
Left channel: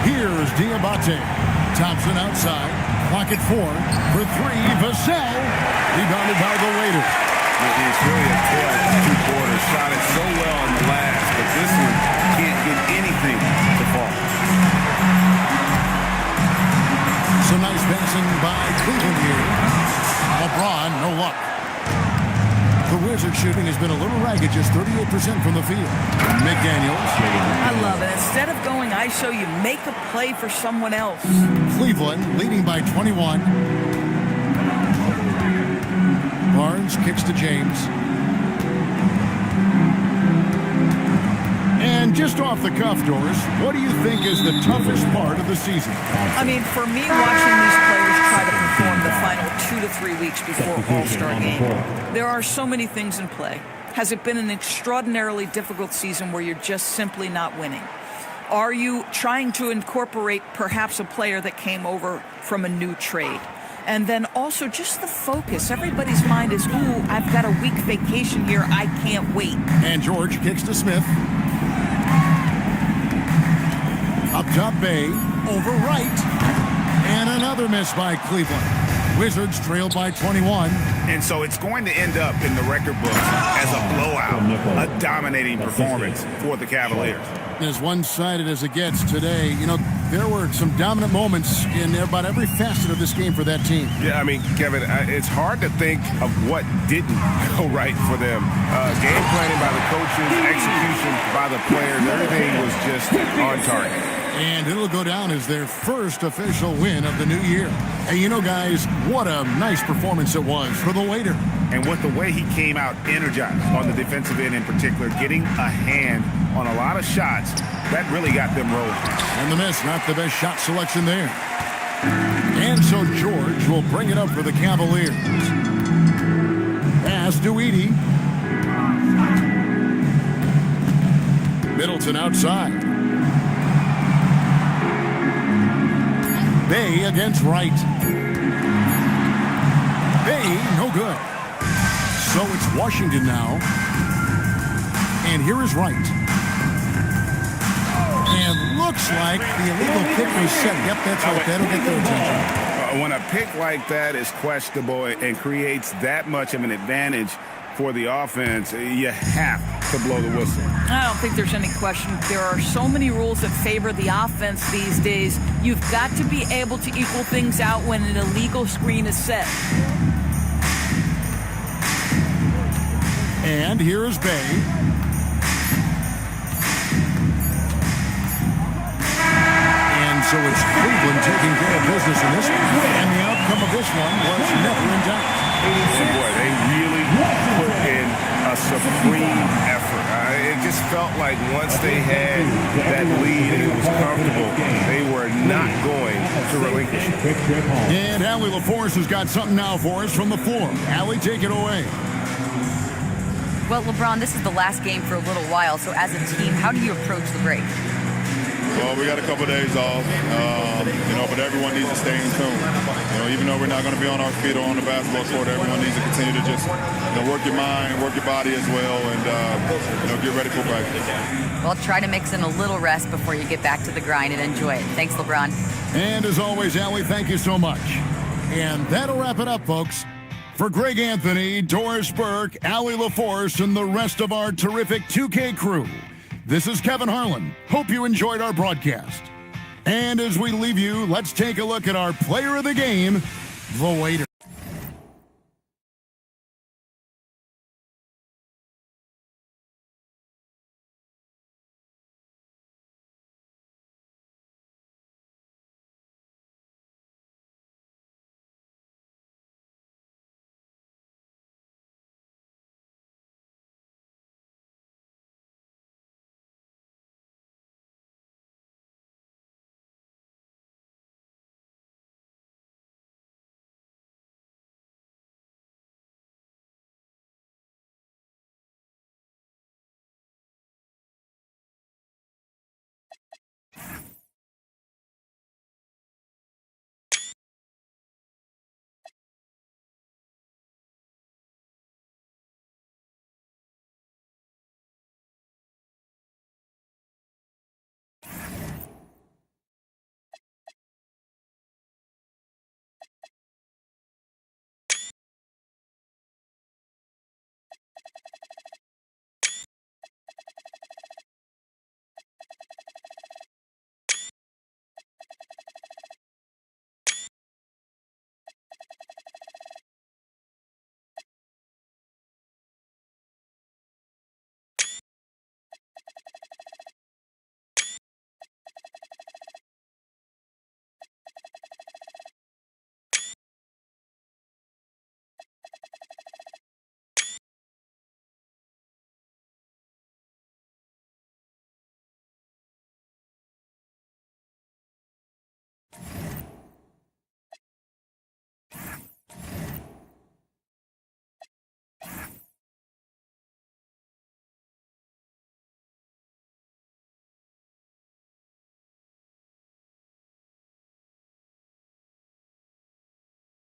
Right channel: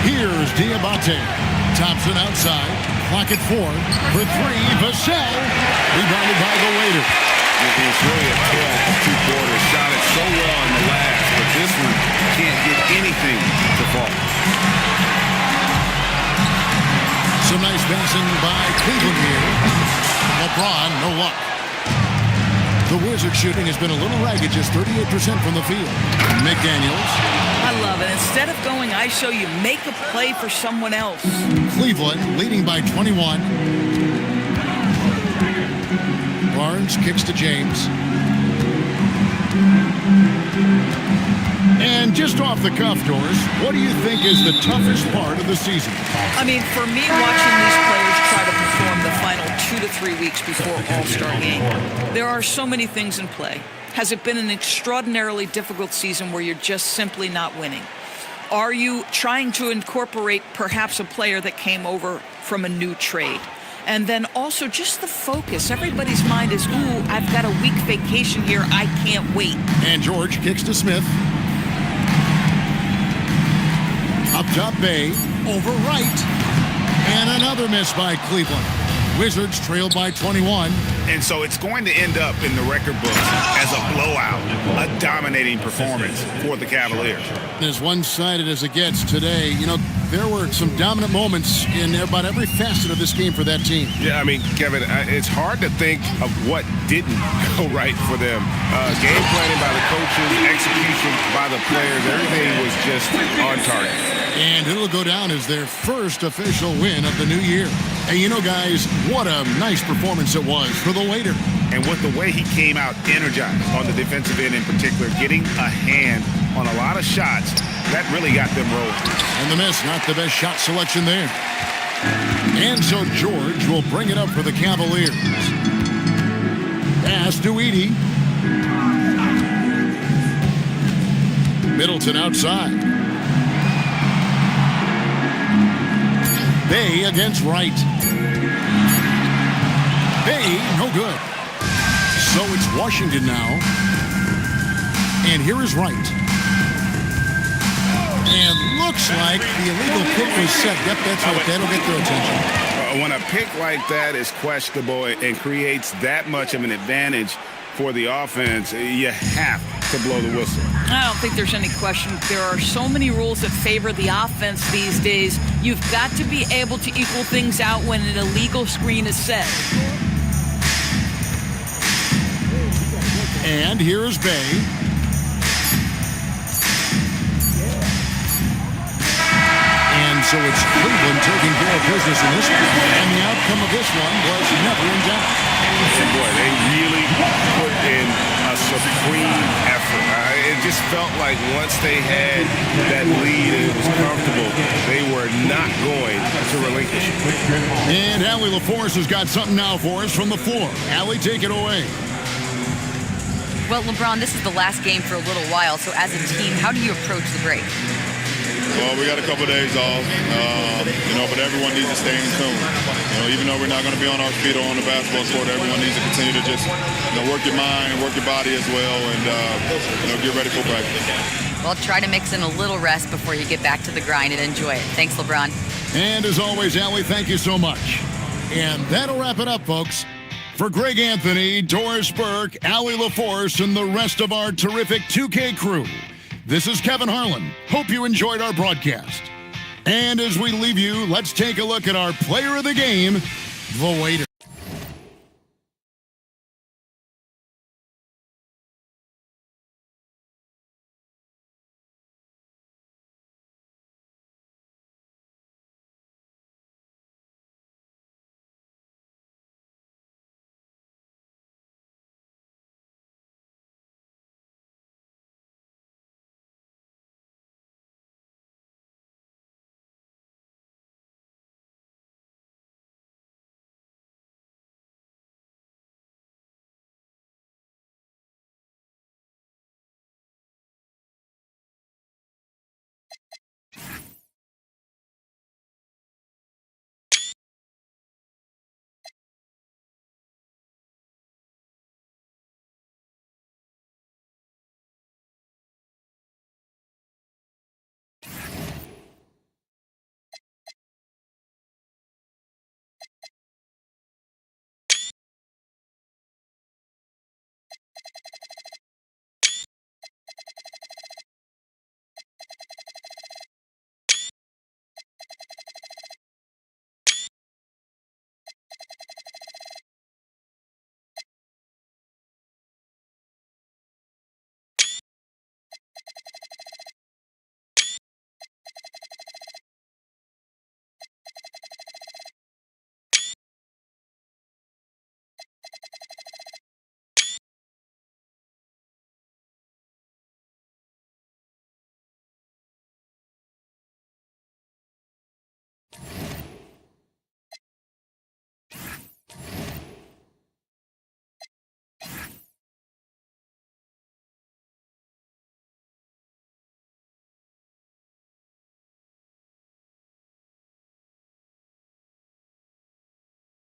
Here's Diabate. Thompson outside. Clock at 4. For 3. Vassell. Rebounded by the waiter. It's really a tale of two quarters. Shot it so well in the last, but this one can't get anything to fall. Some nice passing by Cleveland here. LeBron, no luck. The Wizards shooting has been a little ragged, just 38% from the field. McDaniels. I love it. Instead of going ISO, you make a play for someone else. Cleveland leading by 21. Barnes kicks to James. And just off the cuff, Doris, what do you think is the toughest part of the season? I mean, for me, watching these players try to perform the final 2 to 3 weeks before All-Star game, there are so many things in play. Has it been an extraordinarily difficult season where you're just simply not winning? Are you trying to incorporate perhaps a player that came over from a new trade? And then also just the focus. Everybody's mind is, ooh, I've got a week vacation here. I can't wait. And George kicks to Smith. Up top, Bay, over right, and another miss by Cleveland. Wizards trailed by 21. And so it's going to end up in the record books as a blowout, a dominating performance for the Cavaliers. As one-sided as it gets today, you know, there were some dominant moments in about every facet of this game for that team. Yeah, I mean, Kevin, it's hard to think of what didn't go right for them. Game planning by the coaches, execution by the players, everything was just on target. And it'll go down as their first official win of the new year. And you know, guys, what a nice performance it was for the waiter. And with the way he came out energized on the defensive end in particular, getting a hand on a lot of shots, that really got them rolling. And the miss, not the best shot selection there. And so George will bring it up for the Cavaliers. Pass to Edey. Middleton outside. Bay against Wright. Bay, no good. So it's Washington now. And here is Wright. And looks like the illegal pick was set. Yep, that's right. That'll get their attention. When a pick like that is questionable and creates that much of an advantage for the offense, you have to blow the whistle. I don't think there's any question. There are so many rules that favor the offense these days. You've got to be able to equal things out when an illegal screen is set. And here is Bay. And So it's Cleveland taking care of business in this one. And the outcome of this one was never in doubt. And boy, they really put in a supreme effort. It just felt like once they had that lead and it was comfortable, they were not going to relinquish it. And Allie LaForce has got something now for us from the floor. Allie, take it away. Well, LeBron, this is the last game for a little while, so as a team, how do you approach the break? Well, we got a couple of days off, but everyone needs to stay in tune. Even though we're not going to be on our feet or on the basketball court, everyone needs to continue to just work your mind and work your body as well and, get ready for practice. Well, try to mix in a little rest before you get back to the grind and enjoy it. Thanks, LeBron. And as always, Allie, thank you so much. And that'll wrap it up, folks. For Greg Anthony, Doris Burke, Allie LaForce, and the rest of our terrific 2K crew, this is Kevin Harlan. Hope you enjoyed our broadcast. And as we leave you, let's take a look at our player of the game, the waiter.